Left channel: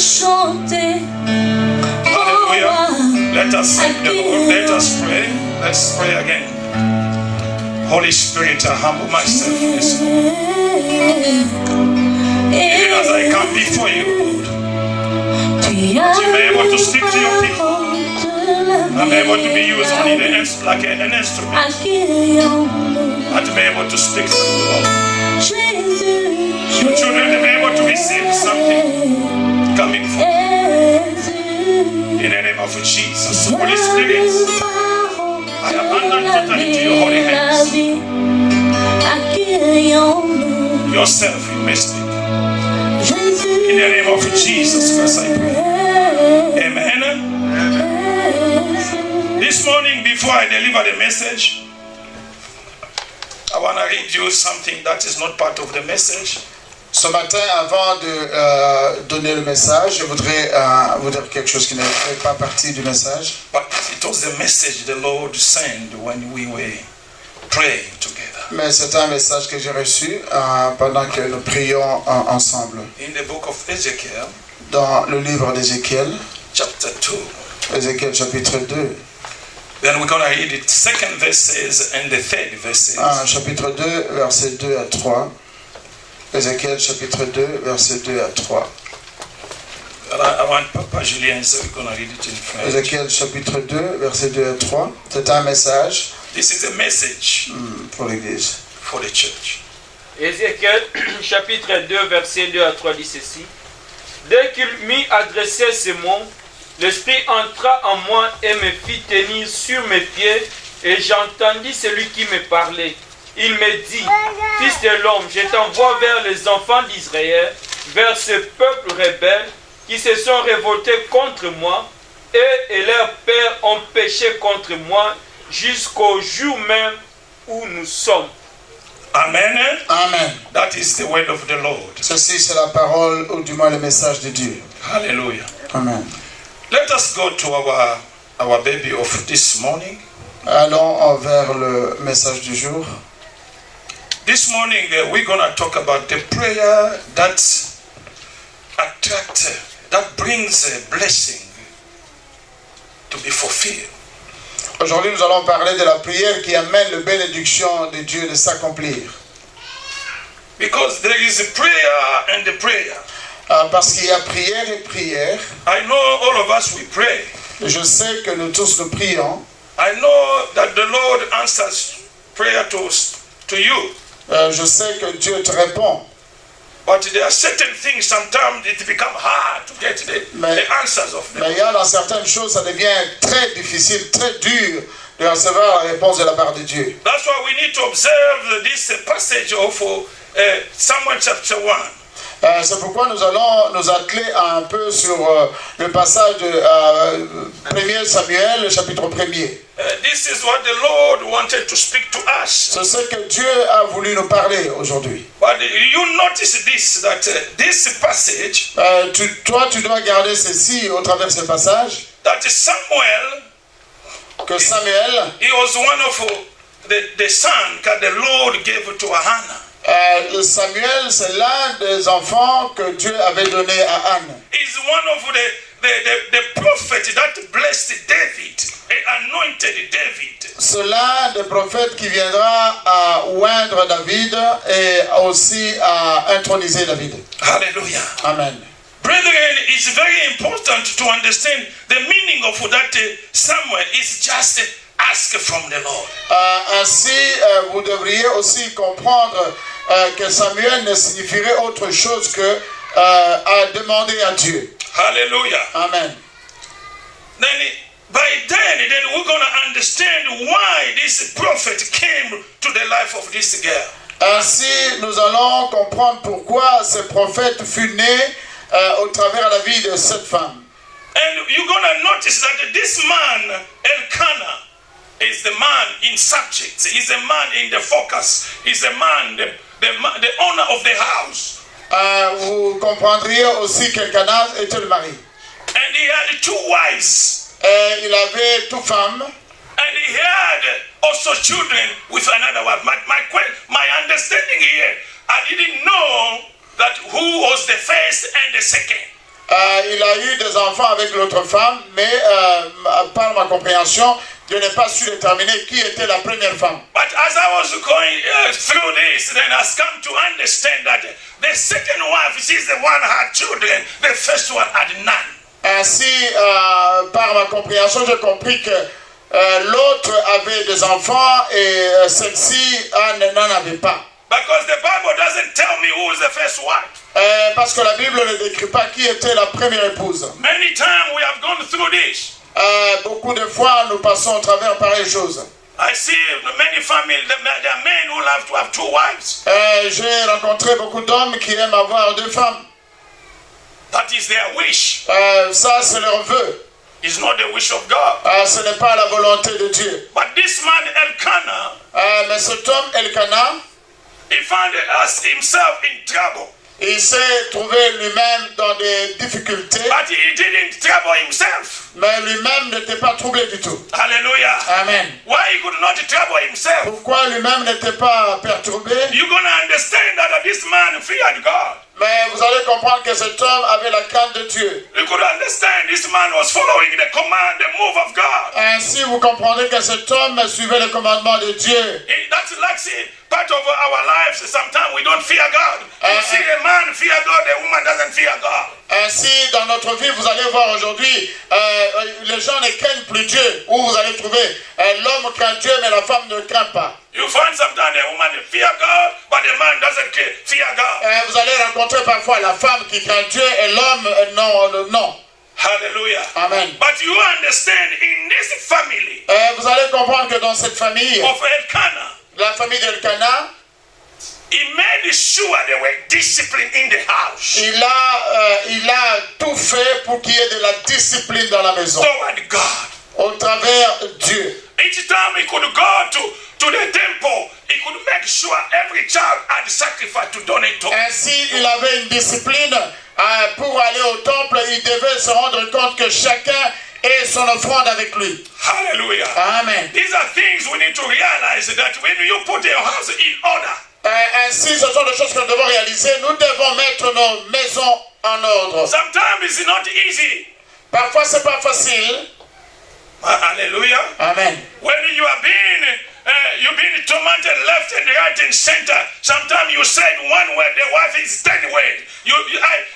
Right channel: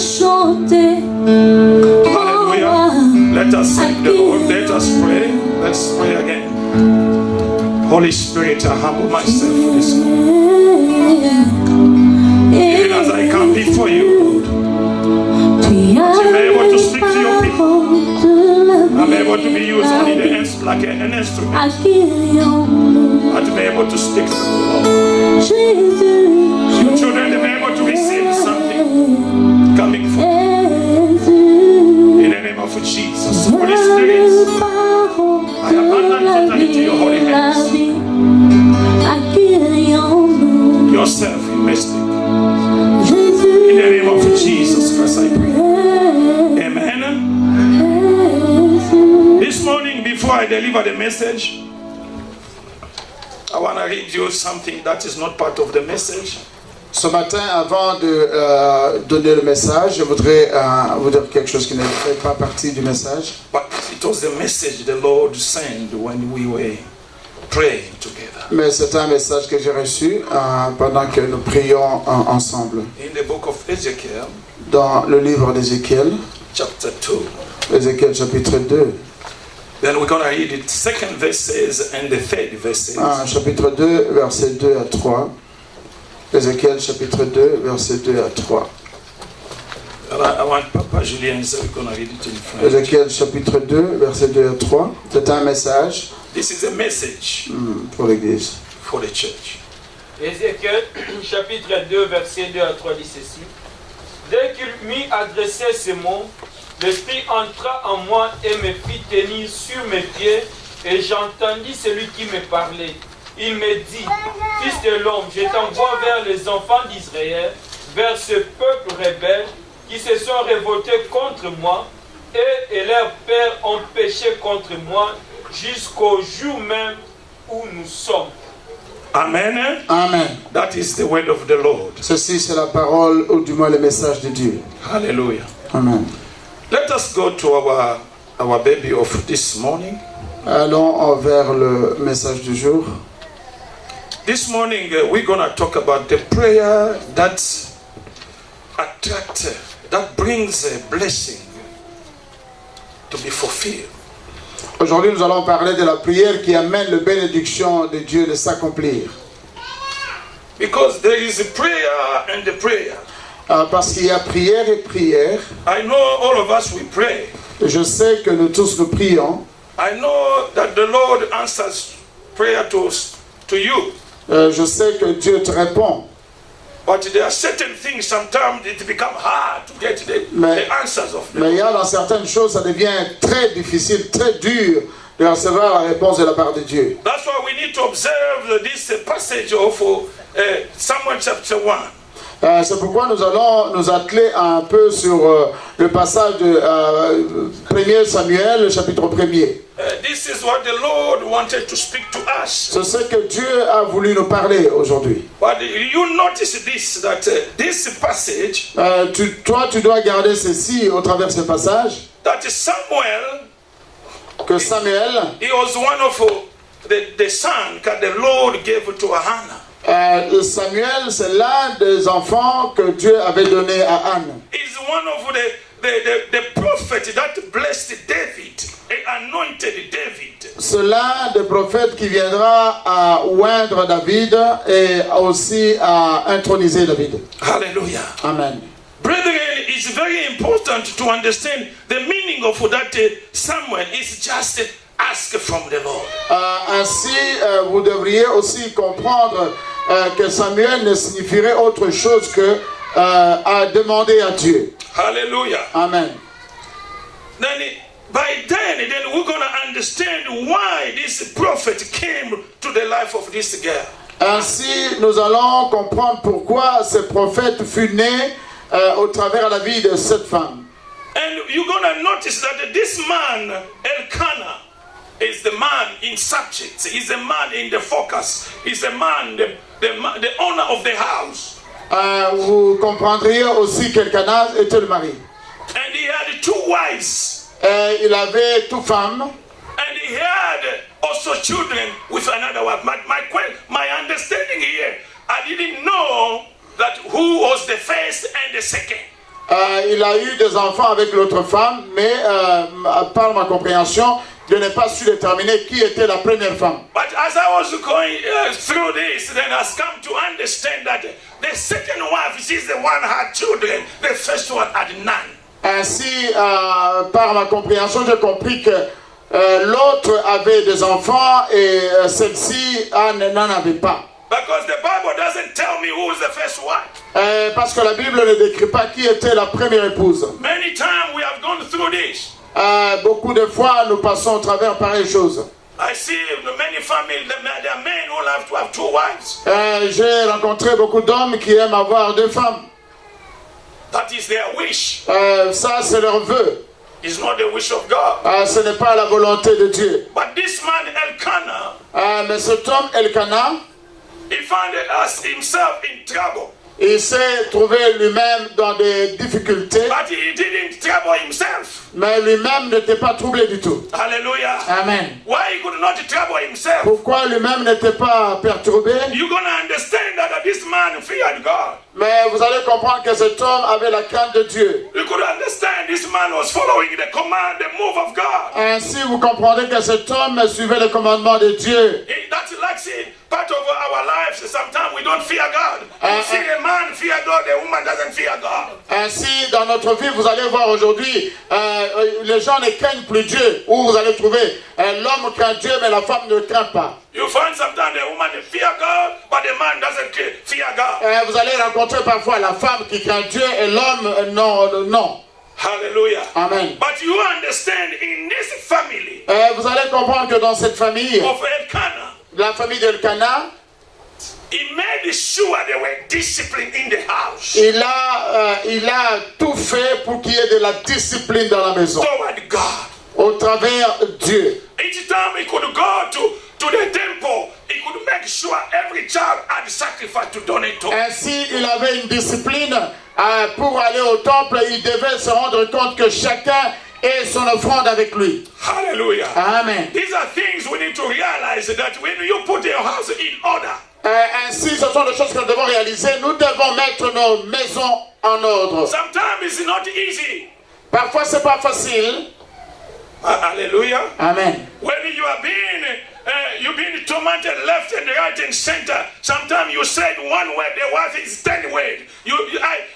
chanter. Hallelujah. Let us thank the Lord. Let us pray. Let's pray again. Holy Spirit, I humble myself this morning. Even as I come before you, Lord, that you may be able to speak to your people. I'm able to be used only like an instrument. That you may be able to speak to the Lord. Your children, they may be able to receive something coming from you. In the name of Jesus, Holy Spirit, I abandon totally to your holy hands. Yourself, you may speak. In the name of Jesus Christ, I pray. Amen. This morning, before I deliver the message, I want to read you something that is not part of the message. Ce matin, avant de donner le message, je voudrais vous dire quelque chose qui ne fait pas partie du message. But it was the message the Lord sent when we were praying together. Mais c'est un message que j'ai reçu pendant que nous prions ensemble. In the book of Ezekiel, dans le livre d'Ézéchiel, chapter 2. Ézéchiel chapitre 2. Then we're going to read the second verses and the third verses. Chapitre 2, versets 2 à 3. Ézéchiel chapitre 2, versets 2 à 3. I want Papa Julien, so we're going to read it in French. Ézéchiel chapitre 2, versets 2 à 3. C'est un message. This is a message pour l'Église. For the church. Ézéchiel chapitre 2, versets 2 à 3 dit ceci. Dès qu'il m'eut adressé ces mots, l'Esprit entra en moi et me fit tenir sur mes pieds, et j'entendis celui qui me parlait. Il me dit, Fils de l'homme, je t'envoie vers les enfants d'Israël, vers ce peuple rebelle qui se sont révoltés contre moi, et leurs pères ont péché contre moi jusqu'au jour même où nous sommes. Amen. Amen. That is the word of the Lord. Ceci c'est la parole ou du moins le message de Dieu. Hallelujah. Amen. Let us go to our baby of this morning. Allons vers le message du jour. This morning we're going to talk about the prayer that attracts, that brings a blessing to be fulfilled. Aujourd'hui, nous allons parler de la prière qui amène la bénédiction de Dieu de s'accomplir. Because there is a prayer and a prayer. Parce qu'il y a prière et prière. I know all of us we pray. Je sais que nous tous nous prions. I know that the Lord answers prayer to you. Je sais que Dieu te répond. But there are certain things sometimes it becomes hard to get the answers of them. Mais il y a dans certaines choses, ça devient très difficile, très dur de recevoir la réponse de la part de Dieu. That's why we need to observe this passage of Samuel chapter 1. C'est pourquoi nous allons nous atteler un peu sur le passage de 1 Samuel, chapitre 1er. This is what the Lord wanted to speak to us. C'est ce que Dieu a voulu nous parler aujourd'hui. But you notice this, that this passage. Toi, tu dois garder ceci au travers de ce passage. That Samuel. Que Samuel. He was one of the son that the Lord gave to Hannah. Samuel, c'est l'un des enfants que Dieu avait donné à Anne. He's one of the prophet that blessed David, anointed David. C'est l'un des prophètes qui viendra à oindre David et aussi à introniser David. Hallelujah. Amen. Brethren, it's very important to understand the meaning of that Samuel is just ask from the Lord. Ainsi, vous devriez aussi comprendre que Samuel ne signifierait autre chose que à demander à Dieu. Hallelujah. Amen. Then we're going to understand why this prophet came to the life of this girl. Ainsi, nous allons comprendre pourquoi ce prophète fut né au travers de la vie de cette femme. And you're going to notice that this man, Elkanah, is the man in subject. He's the man in the focus. He's the man, the owner of the house. Vous comprendriez aussi qu'Elkanah était le mari. And he had two wives. Il avait deux femmes. And he had also children with another wife. My understanding here, I didn't know that who was the first and the second. il a eu des enfants avec l'autre femme, mais par ma compréhension, je n'ai pas su déterminer qui était la première femme. But as I was going through this, then I've come to understand that the second wife, she's the one who had children, the first one had none. Ainsi, par ma compréhension, j'ai compris que l'autre avait des enfants et celle-ci n'en avait pas. Because the Bible doesn't tell me who is the first wife. Parce que la Bible ne décrit pas qui était la première épouse. Many times we have gone through this. Beaucoup de fois, nous passons au travers pareilles choses. I see many families, there are men who love to have two wives. J'ai rencontré beaucoup d'hommes qui aiment avoir deux femmes. That is their wish. Ça, c'est leur vœu. It's not the wish of God. Ce n'est pas la volonté de Dieu. But this man Elkanah, mais cet homme Elkanah, he found himself in trouble. Il s'est trouvé lui-même dans des difficultés. But he didn't trouble himself. Mais lui-même n'était pas troublé du tout. Hallelujah. Amen. Why he could not trouble himself? Pourquoi lui-même n'était pas perturbé? You're going to understand that this man feared God. Mais vous allez comprendre que cet homme avait la crainte de Dieu. You could understand this man was following the command, the move of God. Ainsi, vous comprendrez que cet homme suivait le commandement de Dieu. That's like part of our lives. Sometimes we don't fear God. You see, the man fear God, the woman doesn't fear God. Ainsi, dans notre vie, vous allez voir aujourd'hui, les gens ne craignent plus Dieu. Où vous allez trouver l'homme craint Dieu, mais la femme ne craint pas. You find sometimes the woman fear God, but the man doesn't fear God. Vous allez rencontrer parfois la femme qui craint Dieu et l'homme non. Hallelujah. Amen. But you understand, in this family, vous allez comprendre que dans cette famille, of Elkanah, la famille d'Elkanah, he made sure they were disciplined in the house. Il a tout fait pour qu'il y ait de la discipline dans la maison. Toward God. Au travers Dieu. Each time he could go to the temple, he could make sure every child had sacrifice to donate to. Ainsi, il avait une discipline pour aller au temple. Il devait se rendre compte que chacun ait son offrande avec lui. Hallelujah. Amen. These are things we need to realize, that when you put your house in order. Ainsi, ce sont des choses que nous devons réaliser. Nous devons mettre nos maisons en ordre. Sometimes it's not easy. Parfois, c'est pas facile. Hallelujah. Amen. When you are you've been tormented left and right and center. Sometimes you said one word, the wife is 10 words.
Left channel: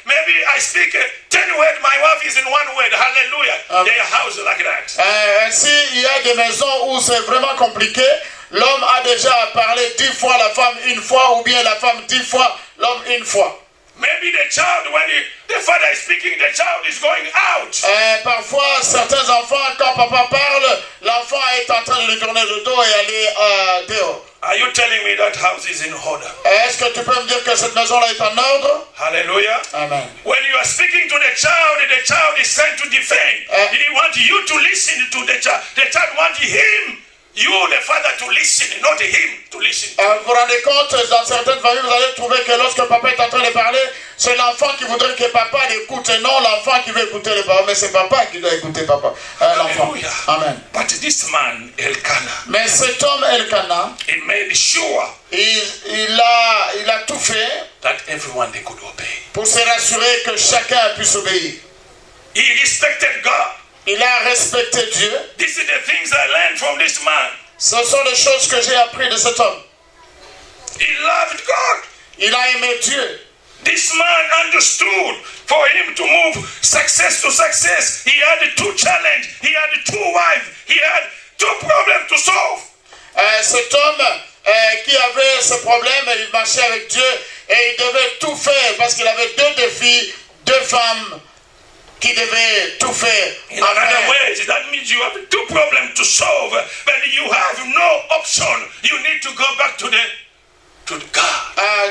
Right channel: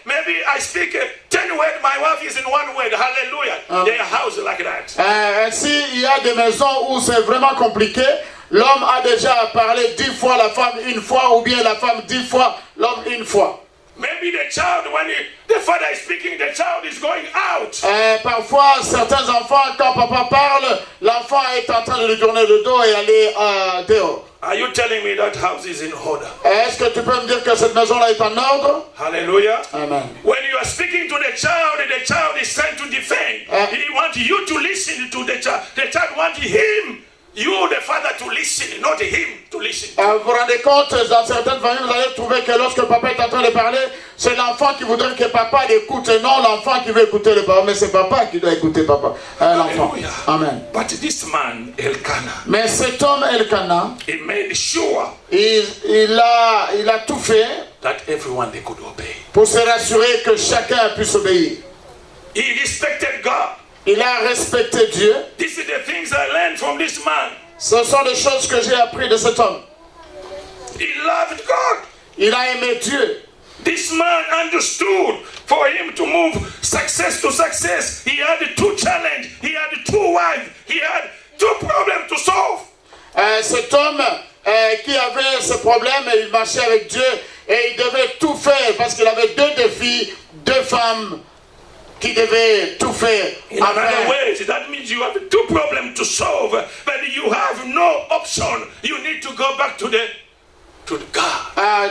Maybe I speak 10 words, my wife is in one word. Hallelujah. Their house like that. Ainsi, il y a des maisons où c'est vraiment compliqué. L'homme a déjà parlé 10 fois, la femme une fois, ou bien la femme 10 fois, l'homme une fois. Maybe the child, when the father is speaking, the child is going out. Parfois, certains enfants, quand papa parle, l'enfant est en train de lui tourner le dos et aller dehors. Are you telling me that house is in order? Est-ce que tu peux me dire que cette maison-là est en ordre? Hallelujah. Amen. When you are speaking to the child is trying to defend. He wants you to listen to the child. The child wants him. You, the father, to listen, not him to listen. Vous vous rendez compte, dans certaines familles, vous allez trouver que lorsque papa est en train de parler, c'est l'enfant qui voudrait que papa l'écoute et non l'enfant qui veut écouter le papa. Mais c'est papa qui doit écouter papa, l'enfant. Amen. But this man, Elkanah, mais cet homme, Elkanah, he made sure il a tout fait that everyone they could obey. Pour se rassurer que chacun puisse obéir. He respected God. Il a respecté Dieu. This is the things I learned from this man. Ce sont les choses que j'ai appris de cet homme. He loved God. Il a aimé Dieu. This man understood for him to move success to success. He had 2 challenges. He had 2 wives. He had 2 problems to solve. Cet homme qui avait ce problème, il marchait avec Dieu et il devait tout faire parce qu'il avait 2 défis, 2 femmes. Qui devait tout faire. In other words, that means you have 2 problems to solve, but you have no option. You need to go back to God.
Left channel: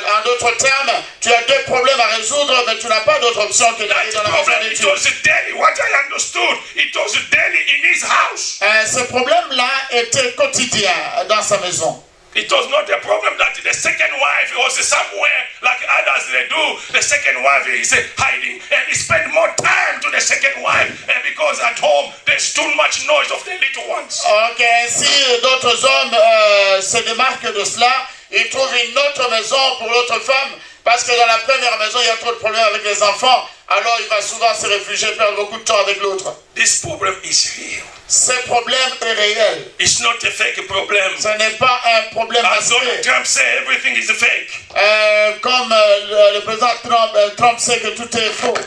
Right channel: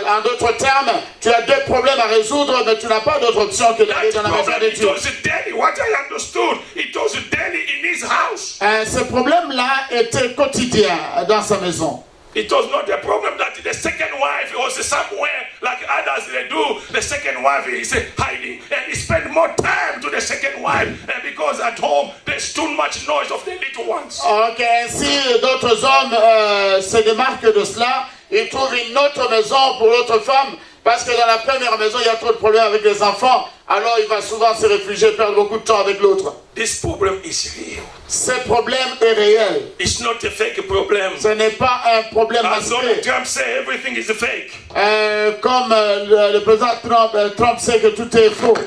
En d'autres termes, tu as 2 problèmes à résoudre, mais tu n'as pas d'autre option que d'aller dans la maison de Dieu. It was daily. What I understood, it was daily in his house. Ce problème-là était quotidien dans sa maison. It was not a problem that the second wife was somewhere like others they do. The second wife is hiding and he spent more time to the second wife because at home there's too much noise of the little ones. Ok, si d'autres hommes se démarquent de cela, ils trouvent une autre maison pour l'autre femme Parce que dans la première maison, il y a trop de problèmes avec les enfants. Alors il va souvent se réfugier, perdre beaucoup de temps avec l'autre. This problem is real. Ce problème est réel. It's not a fake problem. Ce n'est pas un problème As Donald masqué. Trump say, everything is fake. Comme le président Trump sait que tout est faux.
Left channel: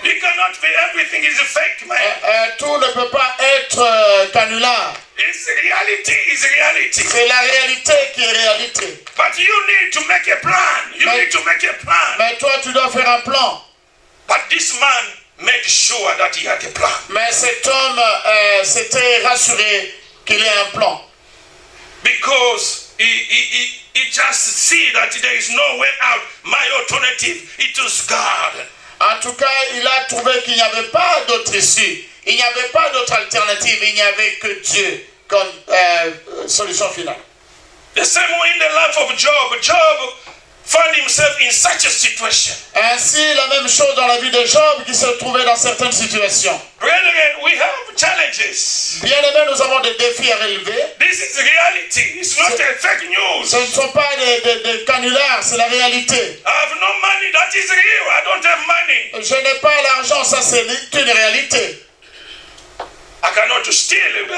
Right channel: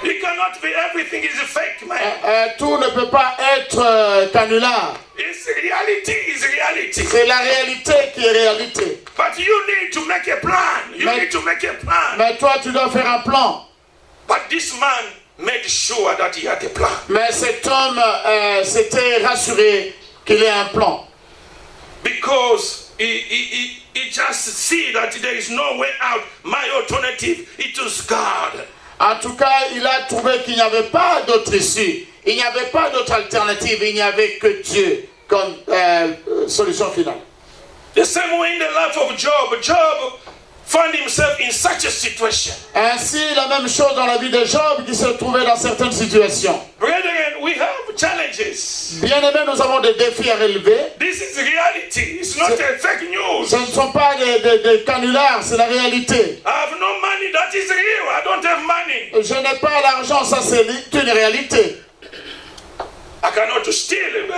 You cannot be everything is fake, man. Tout ne peut pas être canular. It's reality is reality. C'est la réalité qui est réalité. But you need to make a plan. You Mais- need to make a plan. Mais toi, tu dois faire un plan. But this man made sure that he had a plan. Mais cet homme s'était rassuré qu'il ait un plan. Because he just see that there is no way out. My alternative, it is God. En tout cas, il a trouvé qu'il n'y avait pas d'autre issue. Il n'y avait pas d'autre alternative. Il n'y avait que Dieu comme solution finale. The same way in the life of Job. Job found himself in such a situation. Ainsi, la même chose dans la vie de Job qui se trouvait dans certaines situations. Brethren, we have challenges. Bien aimé, nous avons des défis à relever. This is reality. It's not a fake news. Ce ne sont pas des canulars, c'est la réalité. I have no money. That is real. I don't have money. Je n'ai pas l'argent, ça c'est une réalité. I cannot steal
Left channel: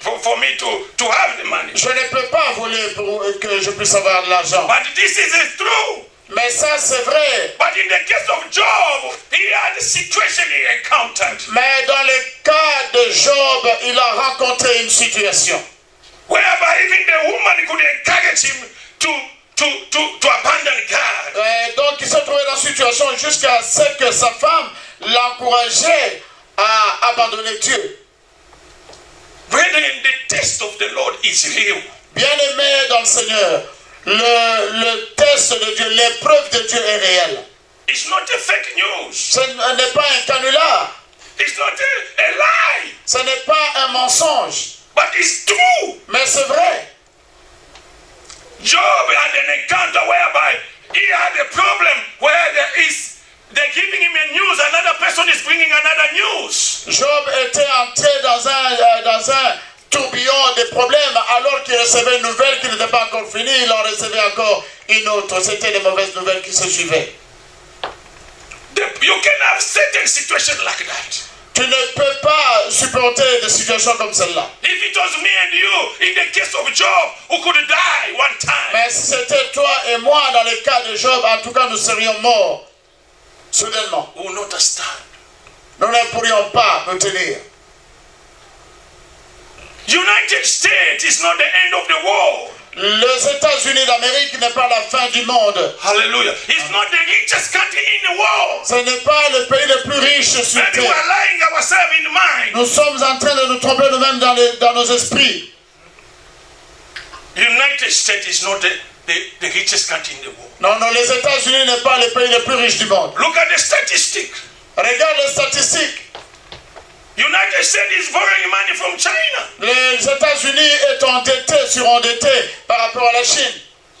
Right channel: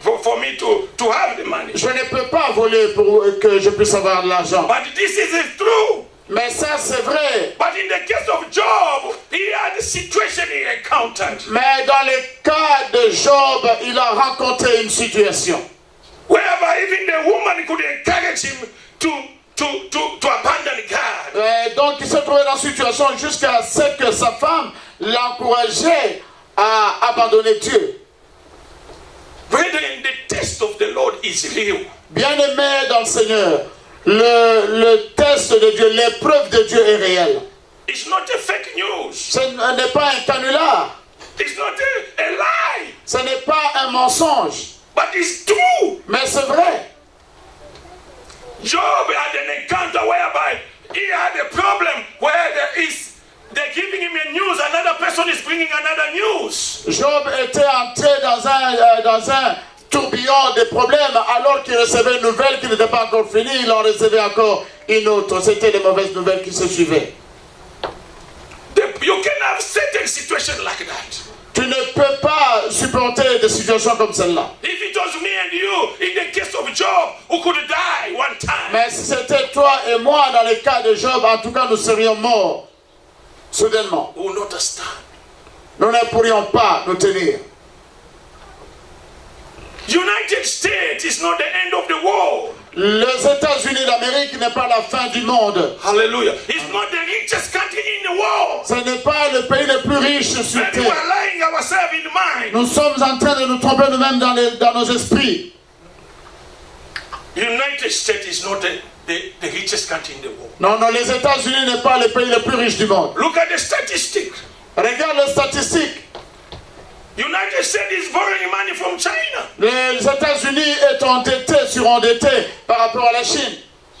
for me to have the money. Je ne peux pas voler pour que je puisse avoir de l'argent. But this is true. Mais ça c'est vrai. But in the case of Job, he had a situation he encountered. Mais dans le cas de Job, il a rencontré une situation. Whereby even the woman could encourage him to abandon God. Donc il se trouvait dans une situation jusqu'à ce que sa femme l'encourageait à abandonner Dieu. Brethren, the test of the Lord is real. Bien-aimé dans le Seigneur, le test de Dieu, l'épreuve de Dieu est réelle. It's not a fake news. Ce n'est pas un canular, It's not a lie. ce n'est pas un mensonge, But it's true. mais c'est vrai. Job had an encounter whereby he had a problem where they're giving him a news, another person is bringing another news. Job était entré dans un tourbillon de problèmes alors qu'il recevait une nouvelle qui n'était pas encore finie, il en recevait encore une autre. C'était les mauvaises nouvelles qui se suivaient. You can have certain situations like that. Tu ne peux pas supporter des situations comme celle-là. If it was me and you, in the case of Job, who could die one time. Mais si c'était toi et moi dans le cas de Job, en tout cas nous serions morts soudainement. We will not stand. Nous ne pourrions pas nous tenir. United States is not the end of the world. Les États-Unis d'Amérique n'est pas la fin du monde. Hallelujah. It's not the richest country in the world. Ce n'est pas le pays le plus riche sur Maybe we terre. are lying ourselves in mind. Nous sommes en train de nous tromper nous-mêmes dans nos esprits. United States is not the richest country in the world. Non, non, les États-Unis n'est pas le pays le plus riche du monde. Look at the statistics. Regarde les statistiques. United States is borrowing money from China. Les États-Unis est endettés, surendettés par rapport à la Chine.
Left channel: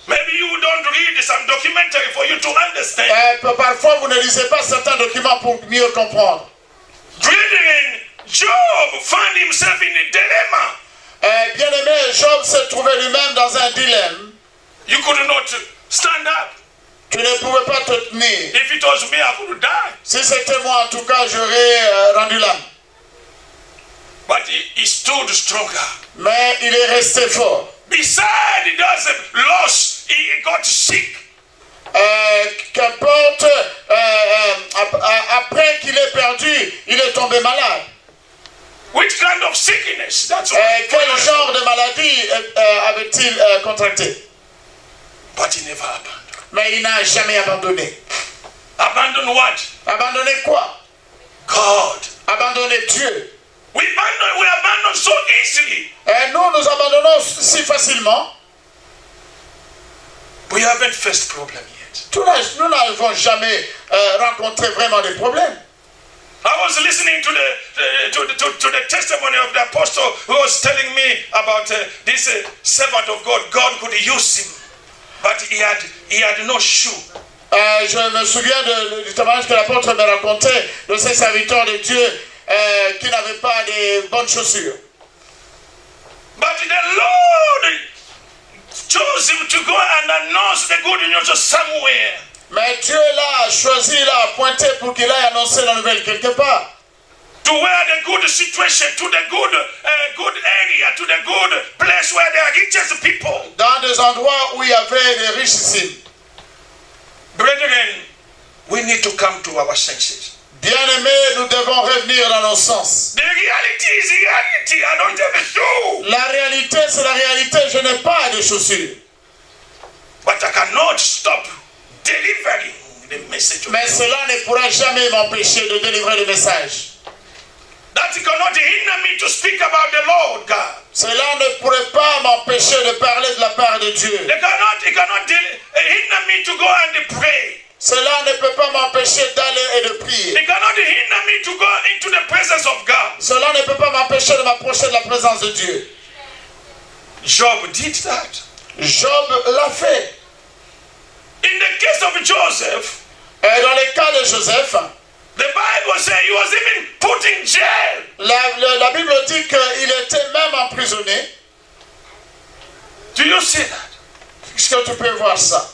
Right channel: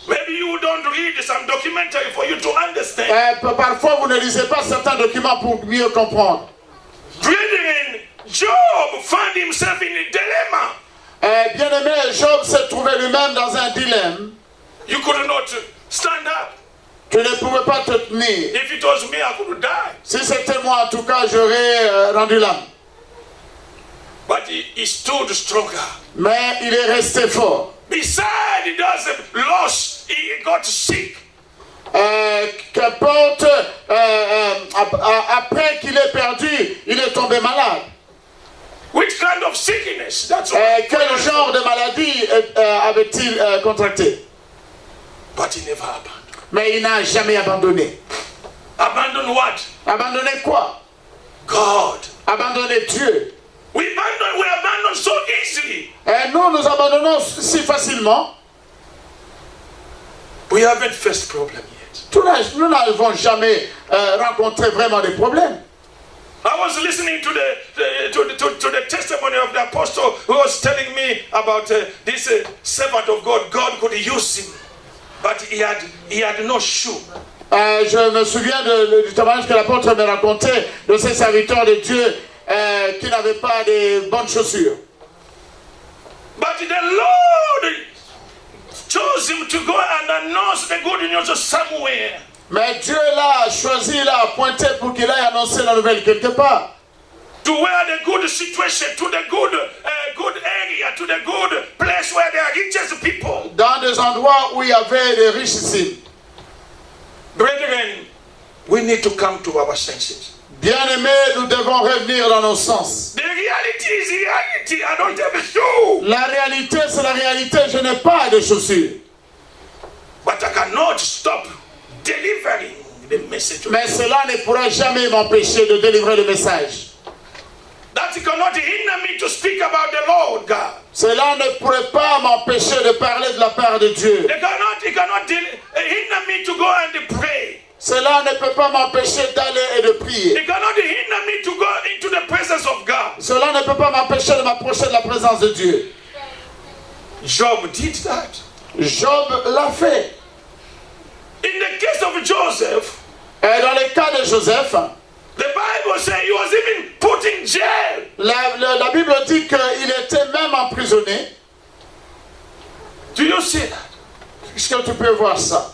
Maybe you don't read some documentary for you to understand. Parfois, vous ne lisez pas certains documents pour mieux comprendre. Brethren, Job found himself in a dilemma. Bien-aimé, Job se trouvait lui-même dans un dilemme. You could not stand up. Tu ne pouvais pas te tenir. If it was me, I could die. Si c'était moi, en tout cas, j'aurais rendu l'âme. But he stood stronger. Mais il est resté fort. Besides, he does a loss. He got sick. Qu'importe, après qu'il ait perdu, il est tombé malade. Which kind of sickness? That's Quel genre de maladie avait-il contracté? But he never abandoned. Mais il n'a jamais abandonné. Abandon what? Abandonné quoi? God. Abandonné Dieu. We abandon so easily. Nous abandonnons si facilement. We haven't faced problem yet. Nous n'avons jamais rencontré vraiment des problèmes. I was listening to the testimony of the apostle who was telling me about this servant of God. God could use him, but he had no shoe. Je me souviens du témoignage que l'apôtre me racontait de ces serviteurs de Dieu qui n'avaient pas de bonnes chaussures. But the Lord chose him to go and announce the good news somewhere. Mais Dieu l'a choisi, l'a appointé pour qu'il aille annoncer la nouvelle quelque part. To where the good situation, to the good area, to the good place where there are richest people. Dans des endroits où il y avait des richissimes. Brethren, we need to come to our senses. Bien-aimés, nous devons revenir dans nos sens. The reality is reality. I don't have a shoe. La réalité, c'est la réalité. Je n'ai pas de chaussures. But I cannot stop delivering the message. Mais cela ne pourra jamais m'empêcher de délivrer le message. That cannot hinder me to speak about the Lord God. Cela ne pourrait pas m'empêcher de parler de la part de Dieu. It cannot hinder me to go and pray. Cela ne peut pas m'empêcher d'aller et de prier. It cannot hinder me to go into the presence of God. Cela ne peut pas m'empêcher de m'approcher de la présence de Dieu. Job did that. Job l'a fait. In the case of Joseph, Et dans le cas de Joseph, the Bible says he was even put in jail. la Bible dit qu'il était même emprisonné. Do you see that? Est-ce que tu peux voir ça?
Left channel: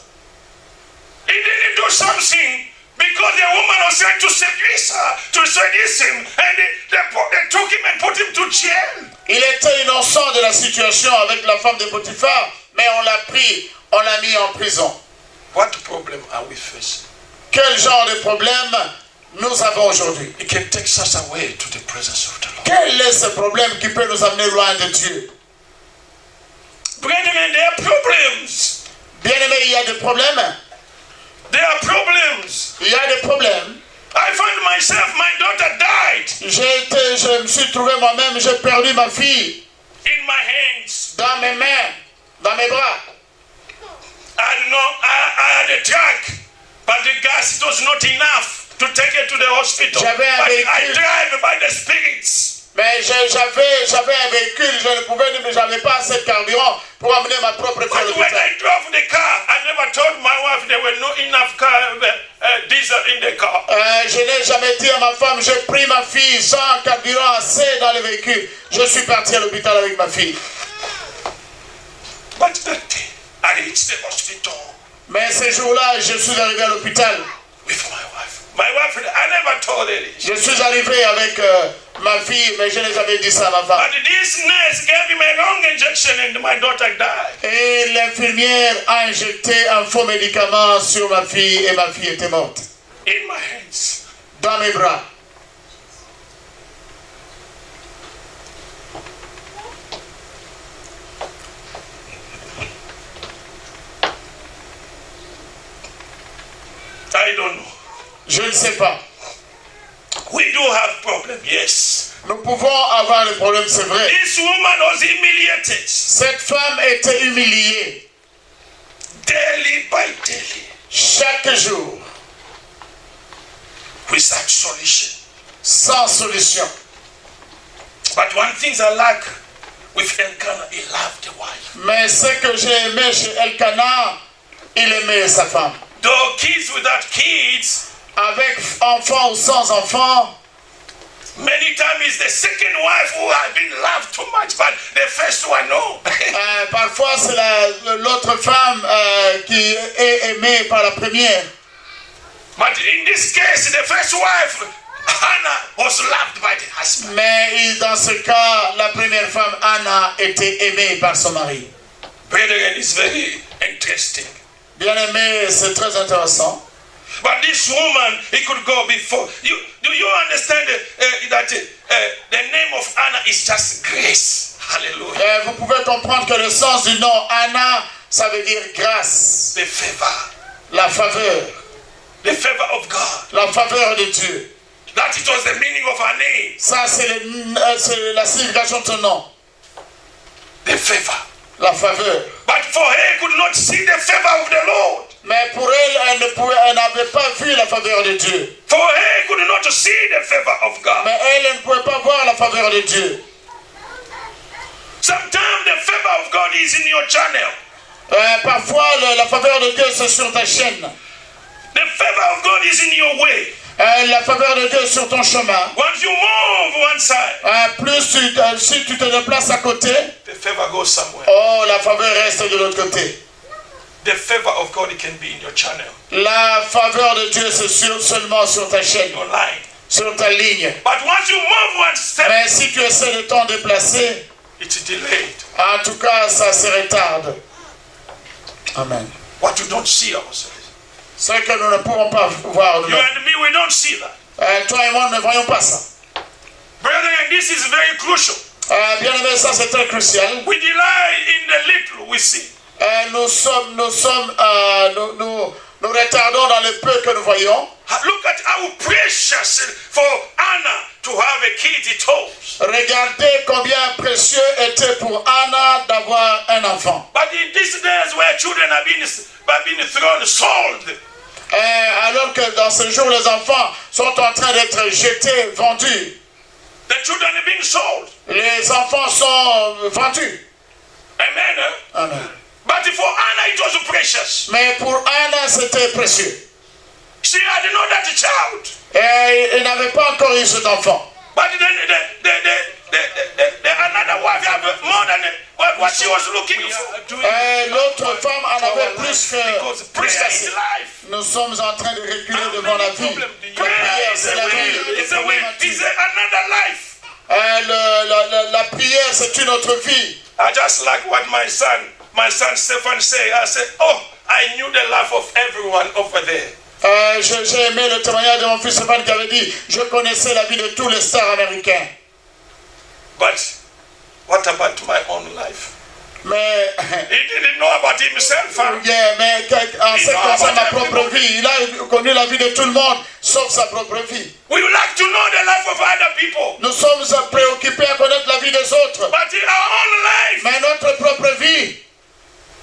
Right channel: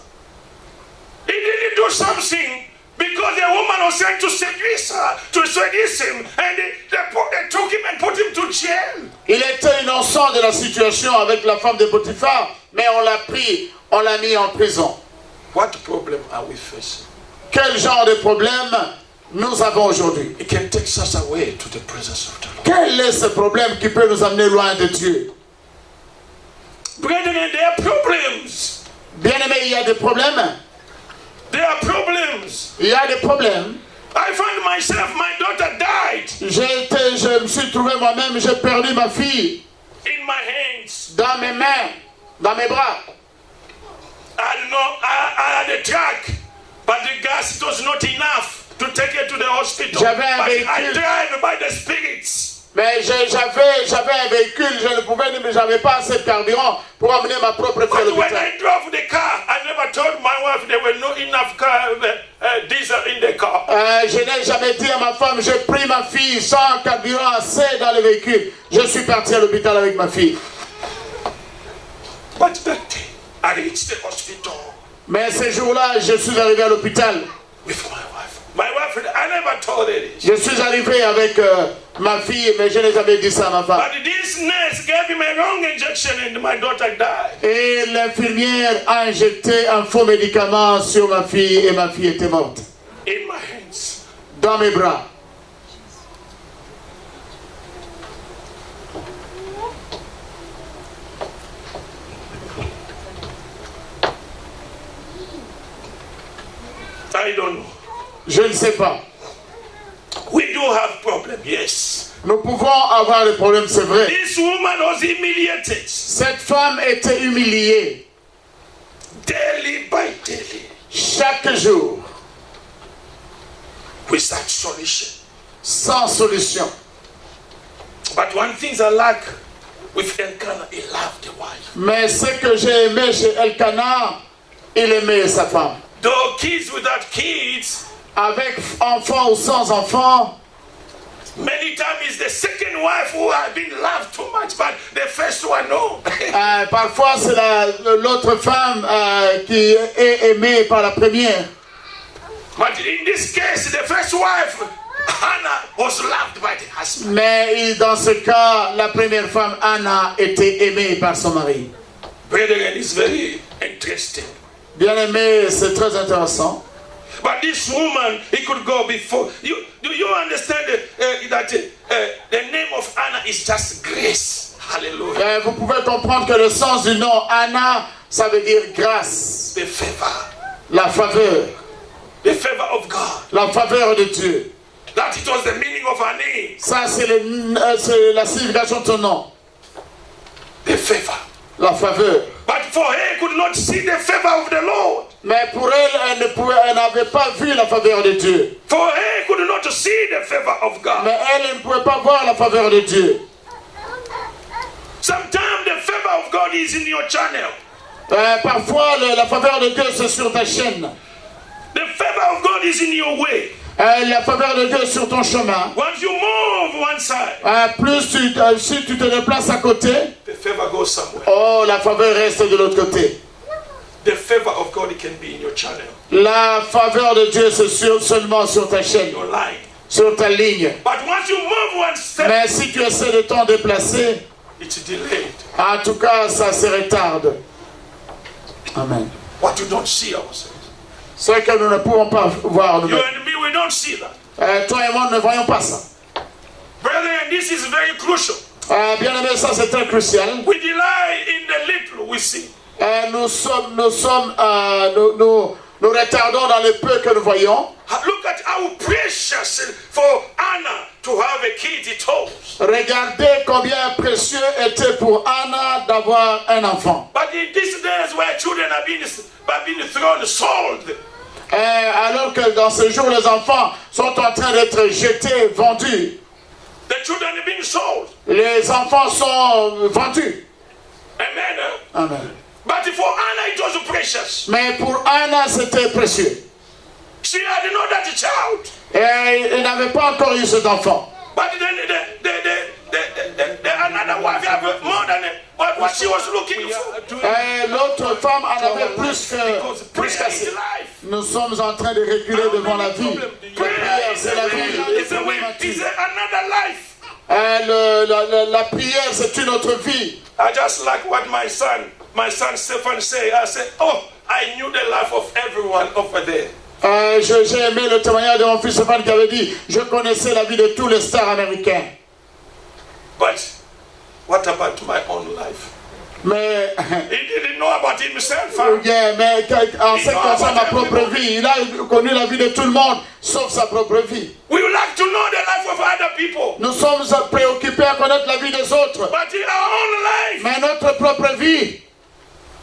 He didn't do something because the woman was trying to seduce him, and they took him and put him to jail. Il était innocent de la situation avec la femme de Potiphar, mais on l'a pris, on l'a mis en prison. What problem are we facing? Quel genre de problème nous avons aujourd'hui? It can take us away to the presence of the Lord. Quel est ce problème qui peut nous amener loin de Dieu? Brethren, there are problems. Bien-aimés, il y a des problèmes. There are problems. Il y a des problèmes. I found myself, my daughter died Je me suis trouvé moi-même, j'ai perdu ma fille in my hands. dans mes mains, dans mes bras. I had a truck, but the gas, it was not enough to take her to the hospital. J'avais un But I véhicule. drive by the spirits. Mais j'avais un véhicule, je ne pouvais, mais j'avais pas assez de carburant pour amener ma propre fille à But when l'hôpital. I drove the car, I never told my wife there were not enough diesel in the car. Je n'ai jamais dit à ma femme, j'ai pris ma fille sans carburant assez dans le véhicule. Je suis parti à l'hôpital avec ma fille. But that day, I reached the hospital Mais ce jour-là, je suis arrivé à l'hôpital. with my wife. My wife, I never told her this. Je suis arrivé avec ma fille, mais je n'ai jamais dit ça à ma femme. But this nurse gave him a wrong injection and my daughter died. Et l'infirmière a injecté un faux médicament sur ma fille et ma fille était morte. In my hands. Dans mes bras. I don't know. Je ne sais pas. We do have problem, yes. Nous pouvons avoir des problèmes, c'est vrai. This woman was humiliated Cette femme était humiliée daily by daily chaque jour, without solution. sans solution. But one thing I like with Elkanah, he loved the wife. Mais ce que j'ai aimé chez Elkanah, il aimait sa femme. Though kids without kids, Avec enfants ou sans enfants, many times it's the second wife who has been loved too much, but the first one, no. parfois c'est l'autre femme qui est aimée par la première. But in this case, the first wife, Hannah, was loved by the husband. Mais dans ce cas, la première femme, Anna, était aimée par son mari. Brethren, it's very interesting. Bien aimé, c'est très intéressant. But this woman, he could go before. Do you understand that the name of Anna is just grace? Hallelujah. Vous pouvez comprendre que le sens du nom Anna, ça veut dire grâce, The favor. la faveur, The favor of God. la faveur de Dieu. That it was the meaning of her name. Ça, c'est la signification de son nom, The favor. la faveur. But for her, could not see the favor of the Lord. Mais pour elle, elle n'avait pas vu la faveur de Dieu. For her, could not see the favor of God. Mais elle ne pouvait pas voir la faveur de Dieu. Sometimes the favor of God is in your channel. Parfois, la faveur de Dieu, c'est sur ta chaîne. The favor of God is in your way. La faveur de Dieu est sur ton chemin. Once you move one side, Si tu te déplaces à côté, the favor goes somewhere. oh, la faveur reste de l'autre côté. the favor of God can be in your channel, La faveur de Dieu, c'est seulement sur ta chaîne, your line. sur ta ligne. But once you move one step, Mais si tu essaies de t'en déplacer, it's delayed. en tout cas, ça se retarde. Amen. What you don't see ourselves. Ce que nous ne pouvons pas voir You nous-mêmes. and me, we don't see that. Toi et moi, nous ne voyons pas ça. Brethren, this is very crucial. Bien aimé, ça c'est très crucial. We delay in the little we see. Nous retardons dans le peu que nous voyons. Look at how precious for Anna to have a kid at home. Regardez combien précieux était pour Anna d'avoir un enfant. But in these days where children have been thrown, sold. Alors que dans ce jour, les enfants sont en train d'être jetés, vendus. The children have been sold. Les enfants sont vendus. Amen. Amen. But for Anna it was precious. Mais pour Anna, c'était précieux. She had not that child. Et il n'avait pas encore eu cet enfant. But then the another wife have more than what she was looking for. L'autre femme en avait plus Prayer qu'assez. is life. Nous sommes en train de reculer devant la vie. La prière, c'est la vie. It's another life. La prière, c'est une autre vie. I just like what my son Stephan say. I said, oh, I knew the life of everyone over there. J'ai aimé le témoignage de mon fils Stéphane qui avait dit, je connaissais la vie de tous les stars américains. But what about my own life? Mais, He didn't know about himself. Huh? mais en ce qui concerne ma propre vie, il a connu la vie de tout le monde, sauf sa propre vie. We would like to know the life of other people. Nous sommes préoccupés à connaître la vie des autres. But in our own life, Mais notre propre vie,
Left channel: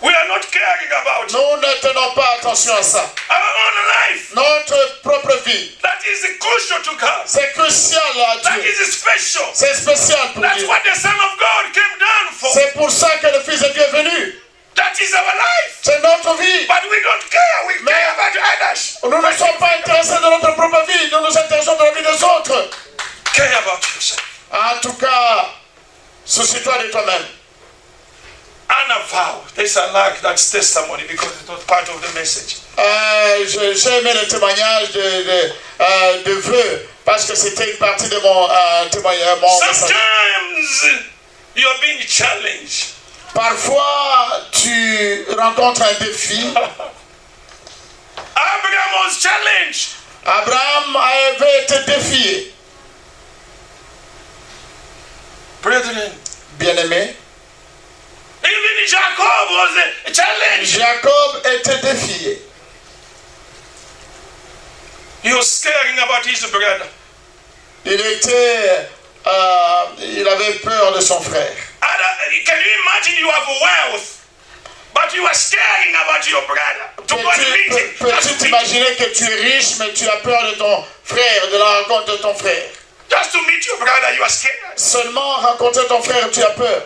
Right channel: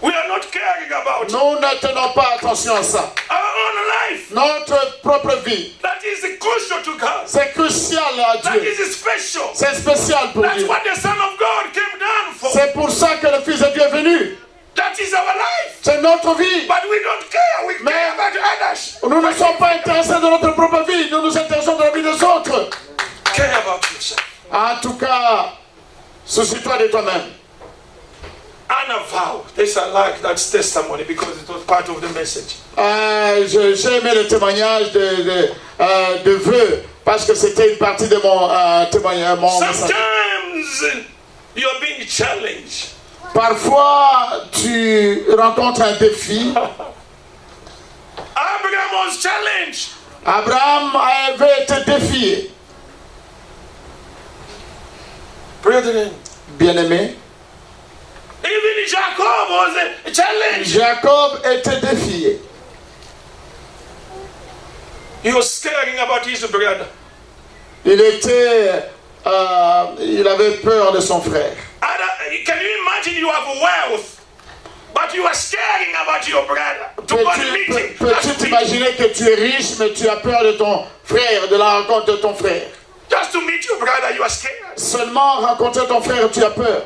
we are not caring about it. nous ne tenons pas attention à ça. Our own life, Notre propre vie, that is crucial to God. c'est crucial à That Dieu. is special. C'est spécial pour That's Dieu. what the Son of God came down for. C'est pour ça que le Fils de Dieu est venu. That is our life. C'est notre vie. But we don't care. We care about others. Nous ne sommes pas intéressés de notre propre vie. Nous nous intéressons de la vie des autres. Care about yourself. En tout cas, soucie-toi de toi-même. Anna vowed. This I like that testimony because it was part of the message. J'ai aimé le témoignage de vœux parce que c'était une partie de mon témoignage. Sometimes you're being challenged. Parfois, tu rencontres un défi. Abraham was challenged. Abraham avait été défié. Brethren, Bien-aimé, even Jacob was challenged. Jacob était défié. He was caring about his brother. Il avait peur de son frère. Can you imagine you have wealth, but you are caring about your brother? To go and meet him. Peux-tu t'imaginer que tu es riche, mais tu as peur de ton frère, de la rencontre de ton frère? Just to meet your brother, you are scared. Seulement rencontrer ton frère, tu as peur.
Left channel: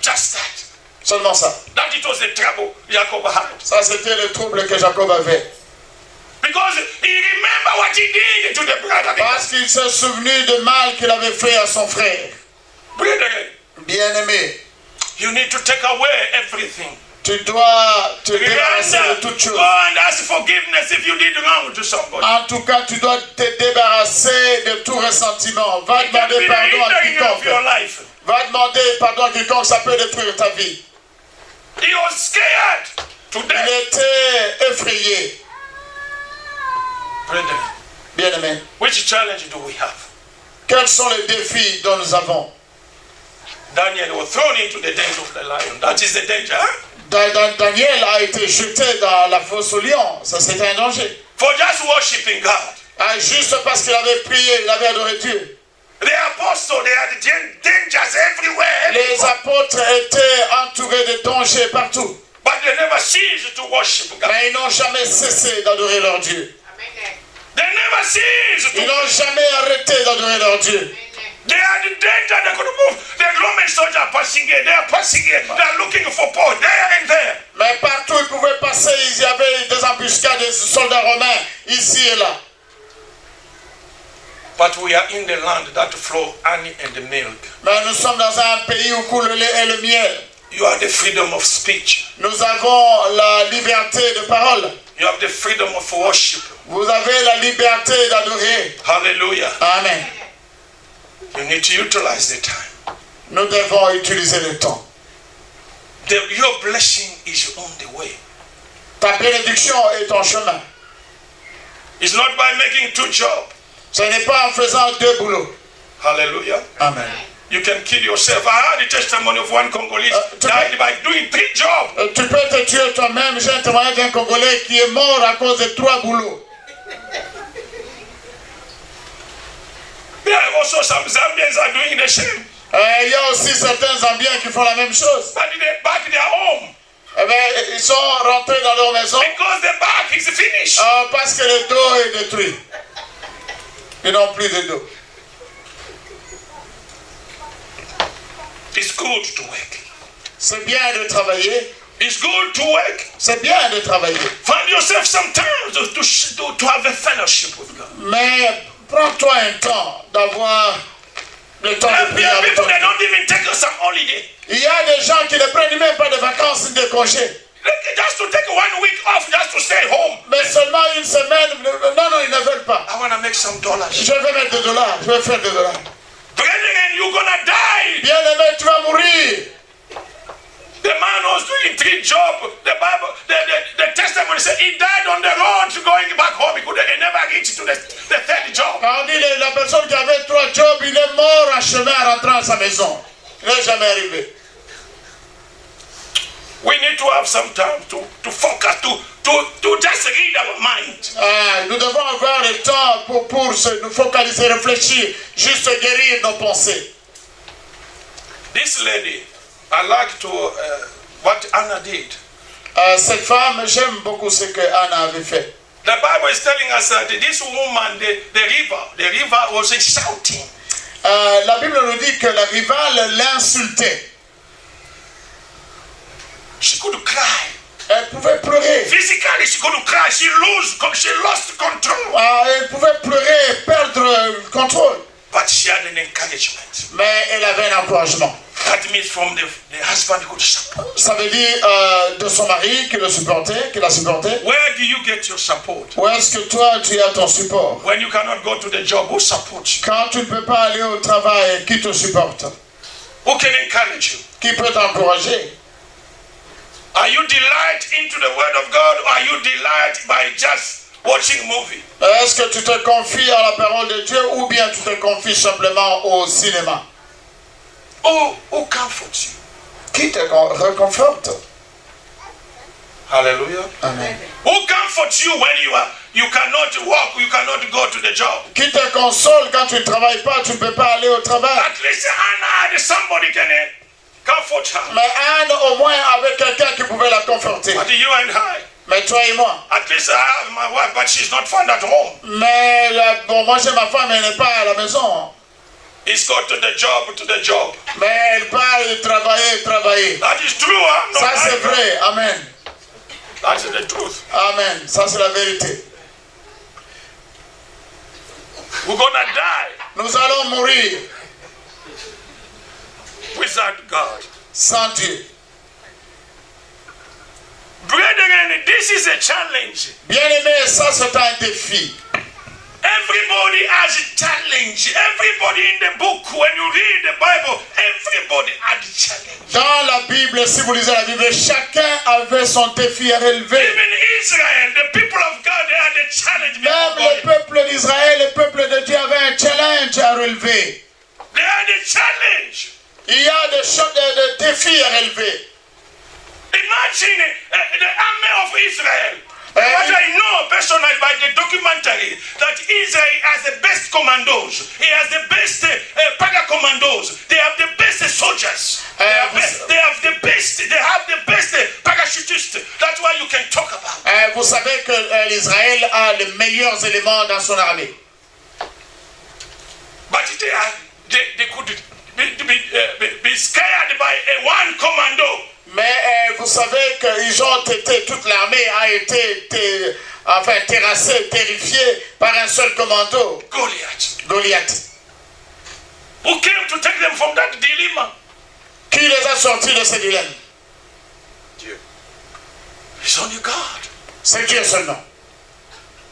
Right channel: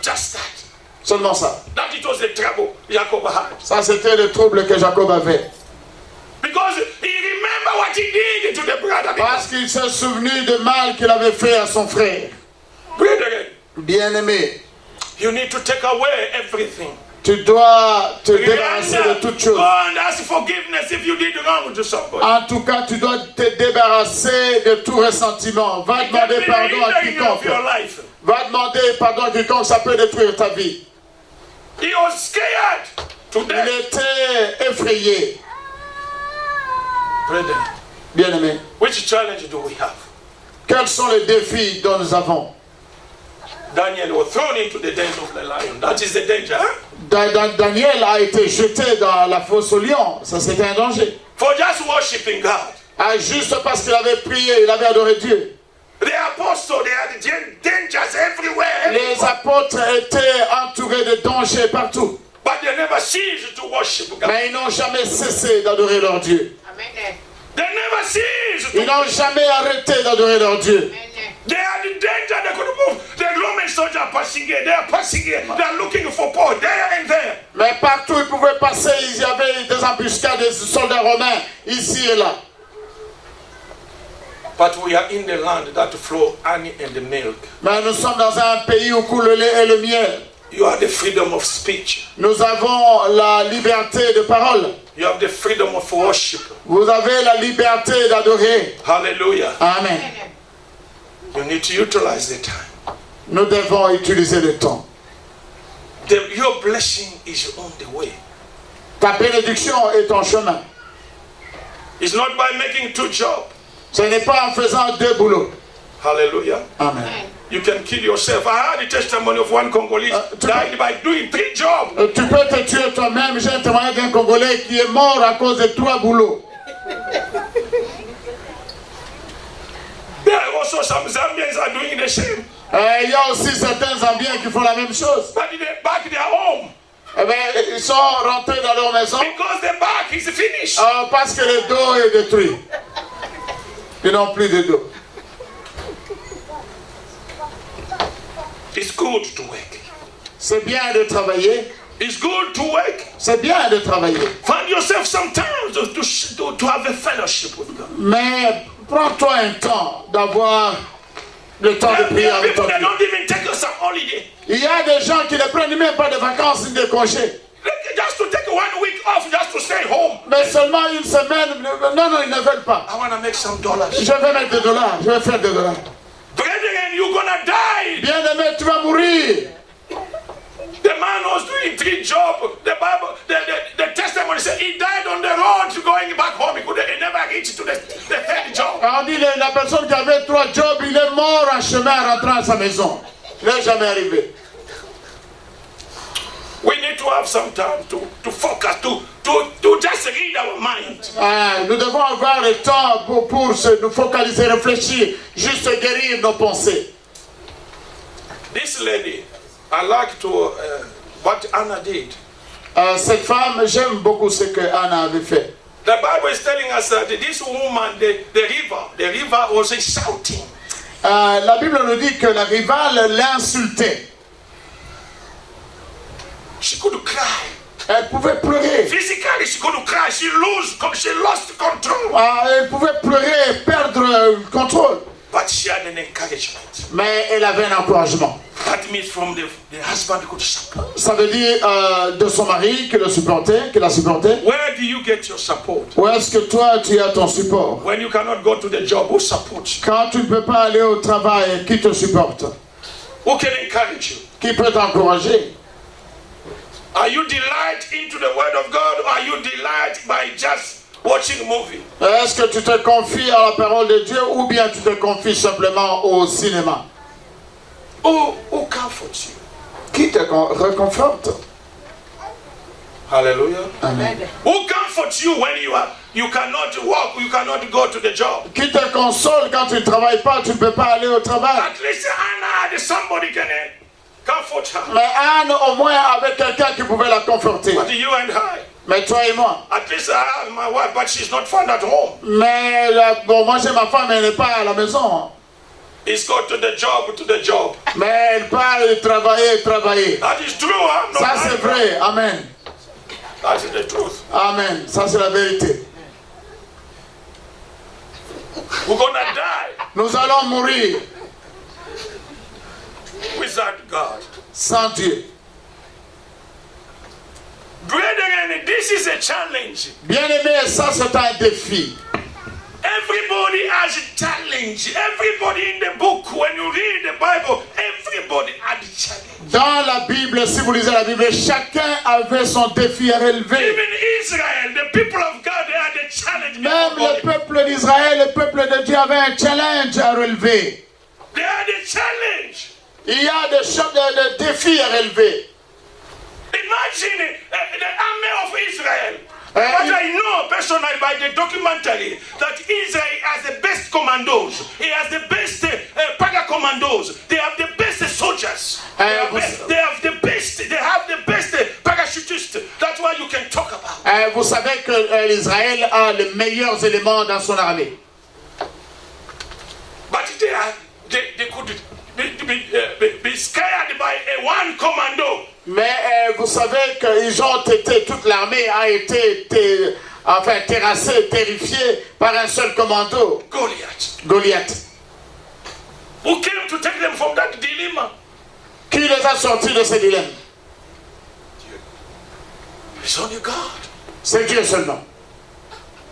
Just that. Seulement ça. That it was the trouble Jacob had. Ça, c'était le trouble que Jacob avait. Because he remembered what he did to the brother. Parce qu'il s'est souvenu du mal qu'il avait fait à son frère. Brethren, Bien-aimé, you need to take away everything. tu dois te débarrasser de toutes choses. Go and ask forgiveness if you did wrong to somebody. En tout cas, tu dois te débarrasser de tout ressentiment. Va demander pardon à quiconque. Va demander pardon à quiconque, ça peut détruire ta vie. He was scared to Il death. était effrayé. Brethren, Bien-aimé, which challenge do we have? quels sont les défis dont nous avons? Daniel was thrown into the den of the lion. That is the danger. Daniel a été jeté dans la fosse au lion. Ça, c'était un danger. For just worshiping God. Juste parce qu'il avait prié, il avait adoré Dieu. The apostles, they had dangers everywhere. Les apôtres étaient entourés de dangers partout. But they never ceased to worship God. Mais ils n'ont jamais cessé d'adorer leur Dieu. They never ceased to Ils n'ont jamais arrêté d'adorer leur Dieu. They are in danger, they could move. The Roman soldiers are passing here, they are passing here, they are looking for Paul, there and there. Mais partout ils pouvaient passer, il y avait des embuscades de soldats romains, ici et là. But we are in the land that flow honey and milk. Mais nous sommes dans un pays où coule le lait et le miel. You have the freedom of speech. Nous avons la liberté de parole. You have the freedom of worship. Vous avez la liberté d'adorer. Hallelujah. Amen. You need to utilize the time. Nous devons utiliser le temps. Your blessing is on the way. Ta bénédiction est en chemin. It's not by making 2 jobs. Ce n'est pas en faisant 2 boulots. Hallelujah. Amen. You can kill yourself. I heard the testimony of one Congolese died by doing 3 jobs. Tu peux te tuer toi-même. J'ai un témoignage d'un Congolais qui est mort à cause de 3 boulots. There are also some Zambians are doing the same. Il y a aussi certains Zambiens qui font la même chose. But they back their home. Eh bien, ils sont rentrés dans leur maison Because the back is finished. parce que le dos est détruit. Ils n'ont plus de dos. It's good to work. C'est bien de travailler. It's good to work. C'est bien de travailler. Find yourself sometimes to have a fellowship with God. Mais prends-toi un temps d'avoir le temps de There prier are avec people ton that Dieu. don't even take some holiday. Il y a des gens qui ne prennent même pas de vacances ni de congés. Just to take 1 week off, just to stay home. Mais seulement une semaine. Non, ils ne veulent pas. I want to make some dollars. Je vais mettre des dollars. Je vais faire des dollars. Brethren, you're gonna die. Bien-aimé, tu vas mourir. The man was doing 3 jobs. The Bible, the testimony said he died on the road going back home. He never reached to the 3rd job. On dit la personne qui avait 3 jobs, il est mort en chemin en rentrant à sa maison. Il n'est jamais arrivé. We need to have some time to focus, to just read our mind. Nous devons avoir le temps pour nous focaliser, réfléchir, juste guérir nos pensées. This lady, I like to what Anna did. Cette femme, j'aime beaucoup ce que Anna avait fait. The Bible is telling us that this woman, the river was shouting. La Bible nous dit que la rivale l'insultait. She could cry. Elle pouvait pleurer. Physically, she could cry. She lost control. Elle pouvait pleurer et perdre le contrôle. But she had an encouragement. Mais elle avait un encouragement. That means from the husband could support. Ça veut dire de son mari qui la supportait. Where do you get your support? Où est-ce que toi tu as ton support? When you cannot go to the job, who supports you? Quand tu ne peux pas aller au travail, qui te supporte? Who can encourage you? Qui peut t'encourager? Are you delight into the word of God, or are you delight by just watching movie? Est-ce que tu te confies à la parole de Dieu ou bien tu te confies simplement au cinéma? Who comforts you? Qui te réconforte? Hallelujah. Amen. Who comforts you when you cannot walk, you cannot go to the job? Qui te console quand tu ne travailles pas, tu ne peux pas aller au travail? At least Anna had somebody can comfort her. Mais Anne, au moins, avait quelqu'un qui pouvait la conforter. But you and I, Mais toi et moi. at least I have my wife, but she's not found at home. Mais bon, moi j'ai ma femme, elle n'est pas à la maison. It's go to the job. Mais elle parle travailler. That is true, huh? No, Ça c'est vrai. Amen. That is the truth. Amen. Ça c'est la vérité. We're gonna die Nous allons mourir without God. sans Dieu. Brethren, this is a challenge. Bien-aimé, ça c'est un défi. Everybody has a challenge. Everybody in the book, when you read the Bible, everybody had a challenge. Dans la Bible, si vous lisez la Bible, chacun avait son défi à relever. Even Israel, the people of God, they had a challenge. Même le peuple d'Israël, le peuple de Dieu avait un challenge à relever. They had a challenge. Il y a des défis à relever. Imagine the army of Israel. What I know personally by the documentary, that Israel has the best commandos. He has the best para-commandos. They have the best soldiers. They have the best parachutists. That's why you can talk about. Vous savez que l'Israël a les meilleurs éléments dans son armée. But they could be scared by one commando. Mais vous savez qu'ils ont été, toute l'armée a été terrassée, terrifiée par un seul commando, Goliath. Goliath. Who came to take them from that dilemma? Qui les a sortis de ces dilemmes? Dieu. It's only God. C'est Dieu seulement.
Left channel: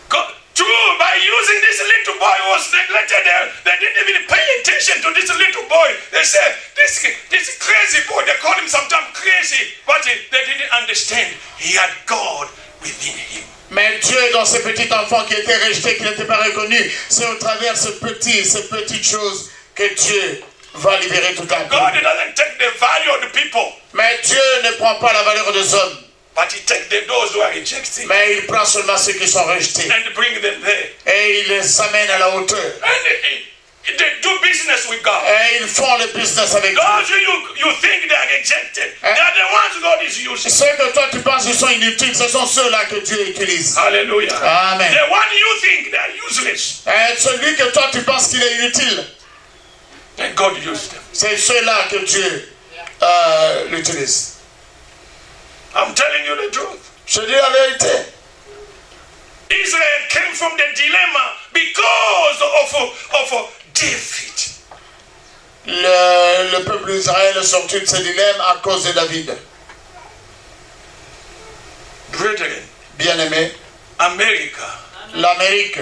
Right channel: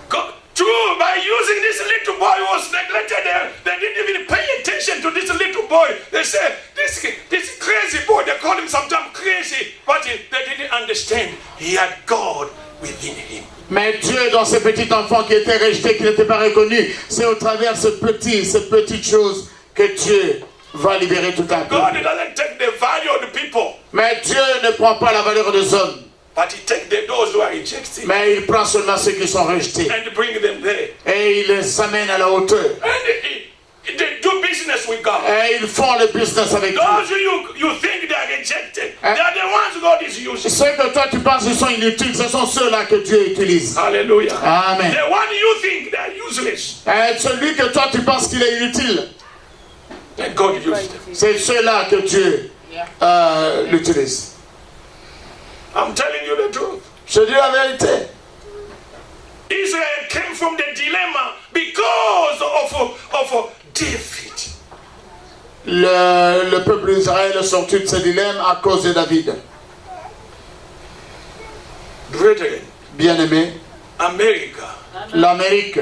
God. True, by using this little boy who was neglected, they didn't even pay attention to this little boy. They said, this crazy boy, they called him sometimes crazy, but they didn't understand. He had God within him. Mais Dieu, dans ce petit enfant qui était rejeté, qui n'était pas reconnu, c'est au travers de ces petites choses que Dieu va libérer toute la God vie. doesn't take the value of the people, Mais Dieu ne prend pas la valeur des hommes, but he takes those who are rejected mais il prend seulement ceux qui sont rejetés. and bring them there. Et il les amène à la hauteur. And they do business with God. Et ils font le business avec Dieu. Those you think they are rejected, they are the ones God is using. Ceux que toi tu penses qu'ils sont inutiles, ce sont ceux-là que Dieu utilise. Hallelujah. Amen. The one you think they are useless, Et celui que toi tu penses qu'il est inutile, and God used them. c'est ceux-là que Dieu l'utilise. I'm telling you the truth. Je dis la vérité. Israel came from the dilemma because of David. Le peuple d'Israël est sorti de ce dilemme à cause de David. Brethren, Bien-aimé, America, l'Amérique,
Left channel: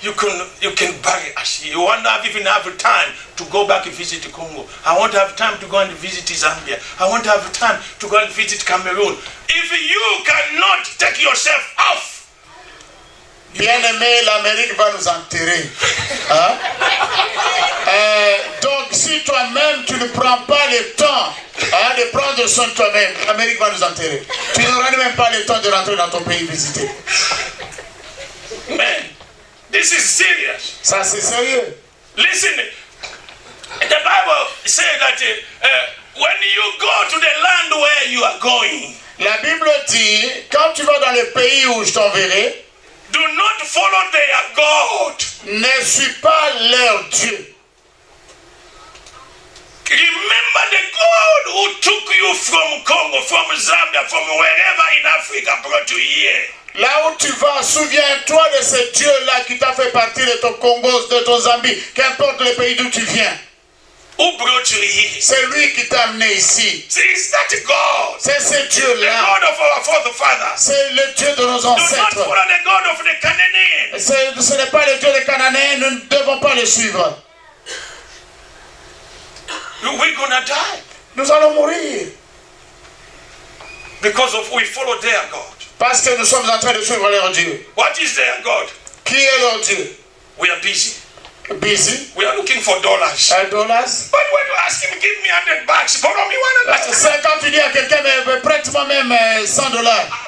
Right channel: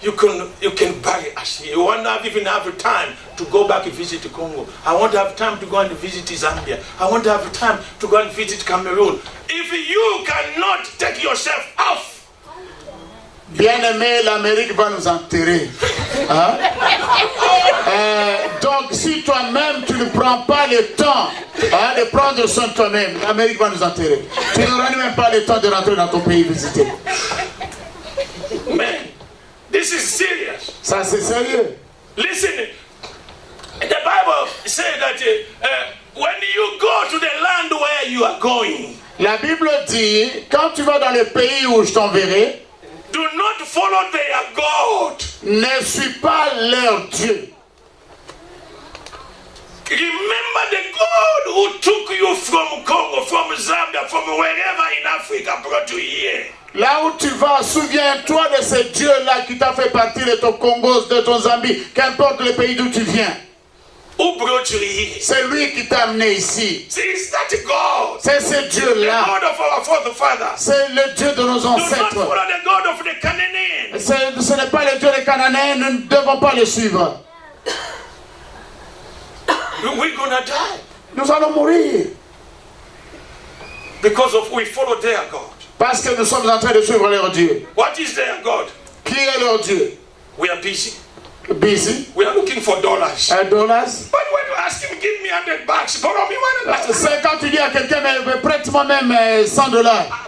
you can bury us. You won't even have time to go back and visit Congo. I want to have time to go and visit Zambia. I want to have time to go and visit Cameroon. If you cannot take yourself off, bien-aimé, l'Amérique va nous enterrer. Hein? Donc, si toi-même, tu ne prends pas le temps de prendre soin de toi-même, l'Amérique va nous enterrer. Tu n'auras même pas le temps de rentrer dans ton pays visiter. man, this is serious. Ça, c'est sérieux. Listen, the Bible says that when you go to the land where you are going, La Bible dit, quand tu vas dans le pays où je t'enverrai, do not follow their God. ne suis pas leur Dieu. Remember the God who took you from Congo, from Zambia, from wherever in Africa, brought you here. Là où tu vas, souviens-toi de ce Dieu-là qui t'a fait partir de ton Congo, de ton Zambie, qu'importe le pays d'où tu viens. Who brought you here? C'est lui qui t'a amené ici. See, it's that God. C'est ce The Dieu-là. God of our forefathers. C'est le Dieu de nos Do not ancêtres. follow the God of the Canaanians. Ce n'est pas le Dieu des Cananéens, nous ne devons pas le suivre. We're gonna die Nous allons mourir because of we follow their God. parce que nous sommes en train de suivre leur Dieu. What is their God? Qui est leur Dieu? We are busy. Busy? We are looking for dollars. $1. But when you ask him, give me $100, borrow me $100. C'est quand tu dis à quelqu'un, mais prête-moi même $100.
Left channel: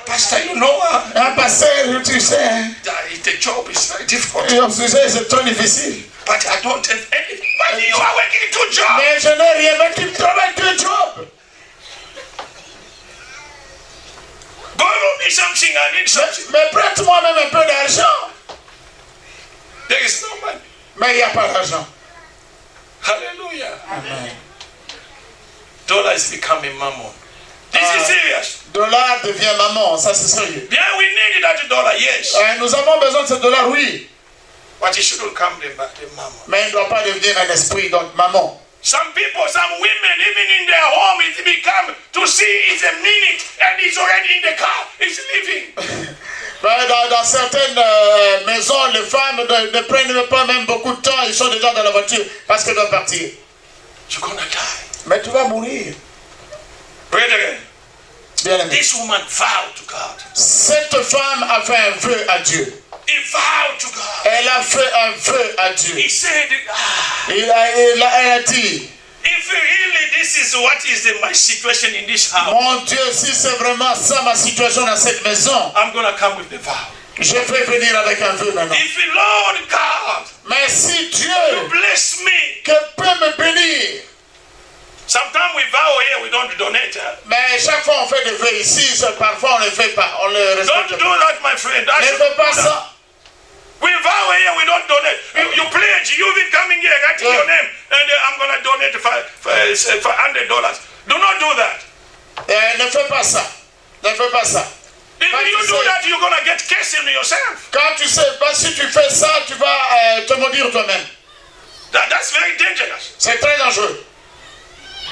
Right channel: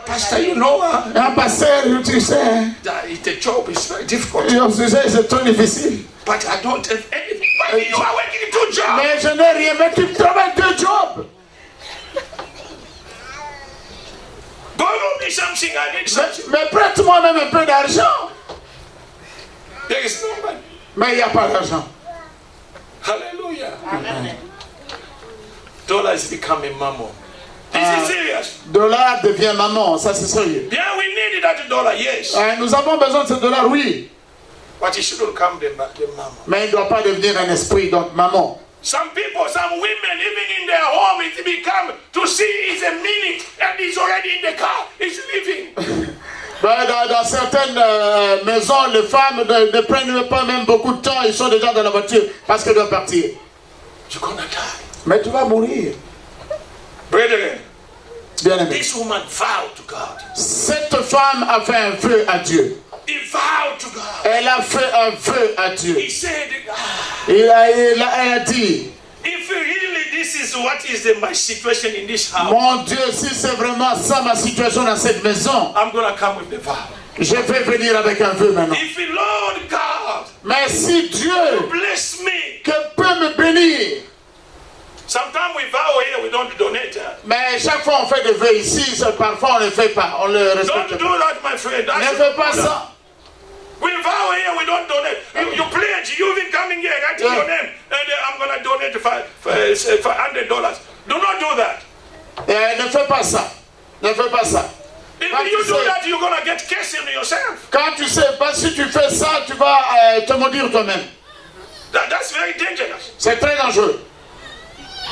Pastor, you know, Un pasteur, tu sais, hein, the job is very difficult. tu sais, c'est trop difficile. But I don't have anything. But you are working 2 jobs. Mais je n'ai rien, mais tu travailles 2 jobs. Borrow me something, I need something. Mais prête-moi même un peu d'argent. There is no money. Mais il n'y a pas d'argent. Hallelujah. Amen. Dollar is becoming mammon. This is serious. Dollar devient maman, ça c'est sérieux. Yeah, we need that dollar, yes. Nous avons besoin de ce dollar, oui. But it shouldn't come the mammon. Mais il ne doit pas devenir un esprit, donc maman. Some people, some women, even in their home, it become to see it's a minute and he's already in the car. He's leaving. Dans certaines maisons, les femmes ne prennent pas même beaucoup de temps, ils sont déjà dans la voiture parce qu'elles doivent partir. You're gonna die. Mais tu vas mourir. Brethren, Bien-aimé. this woman vowed to God. Cette femme a fait un vœu à Dieu. He vowed to God. Elle a fait un vœu à Dieu. He said, Elle a dit, if really this is what is my situation in this house, mon Dieu, si c'est vraiment ça ma situation dans cette maison, I'm gonna come with the vow. je vais venir avec un vœu maintenant. If Lord God, Mais si Dieu bless me. que peut me bénir, Sometimes we vow here, we don't donate. mais chaque fois on fait des vœux ici, parfois on ne le fait pas, on le Don't respecte do pas. that, my friend. That Ne should fais pas do that. ça. We vow here, we don't donate. You pledge, you even coming here, writing Yeah. your name, and I'm going to donate $500. Do not do that. Ne fais pas ça. Ne fais pas ça. If But you you do say- that, you're going to get cursed in yourself. Quand tu sais pas, si tu fais ça, tu vas te maudire toi-même. That's very dangerous. C'est très dangereux.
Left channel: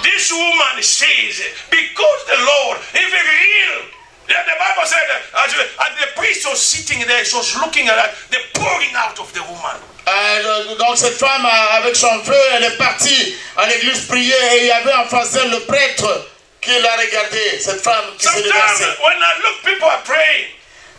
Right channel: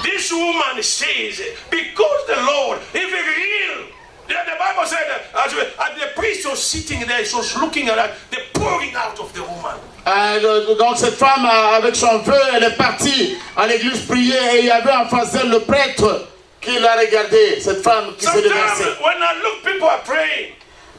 This woman says, because the Lord, if it's real, yeah, the Bible said that as the priest was sitting there, she was looking at the pouring out of the woman. Donc cette femme, avec son vœu, elle est partie à l'église prier et il y avait en face d'elle le prêtre qui l'a regardé, cette femme qui s'est déversée. Sometimes when I look, people are praying.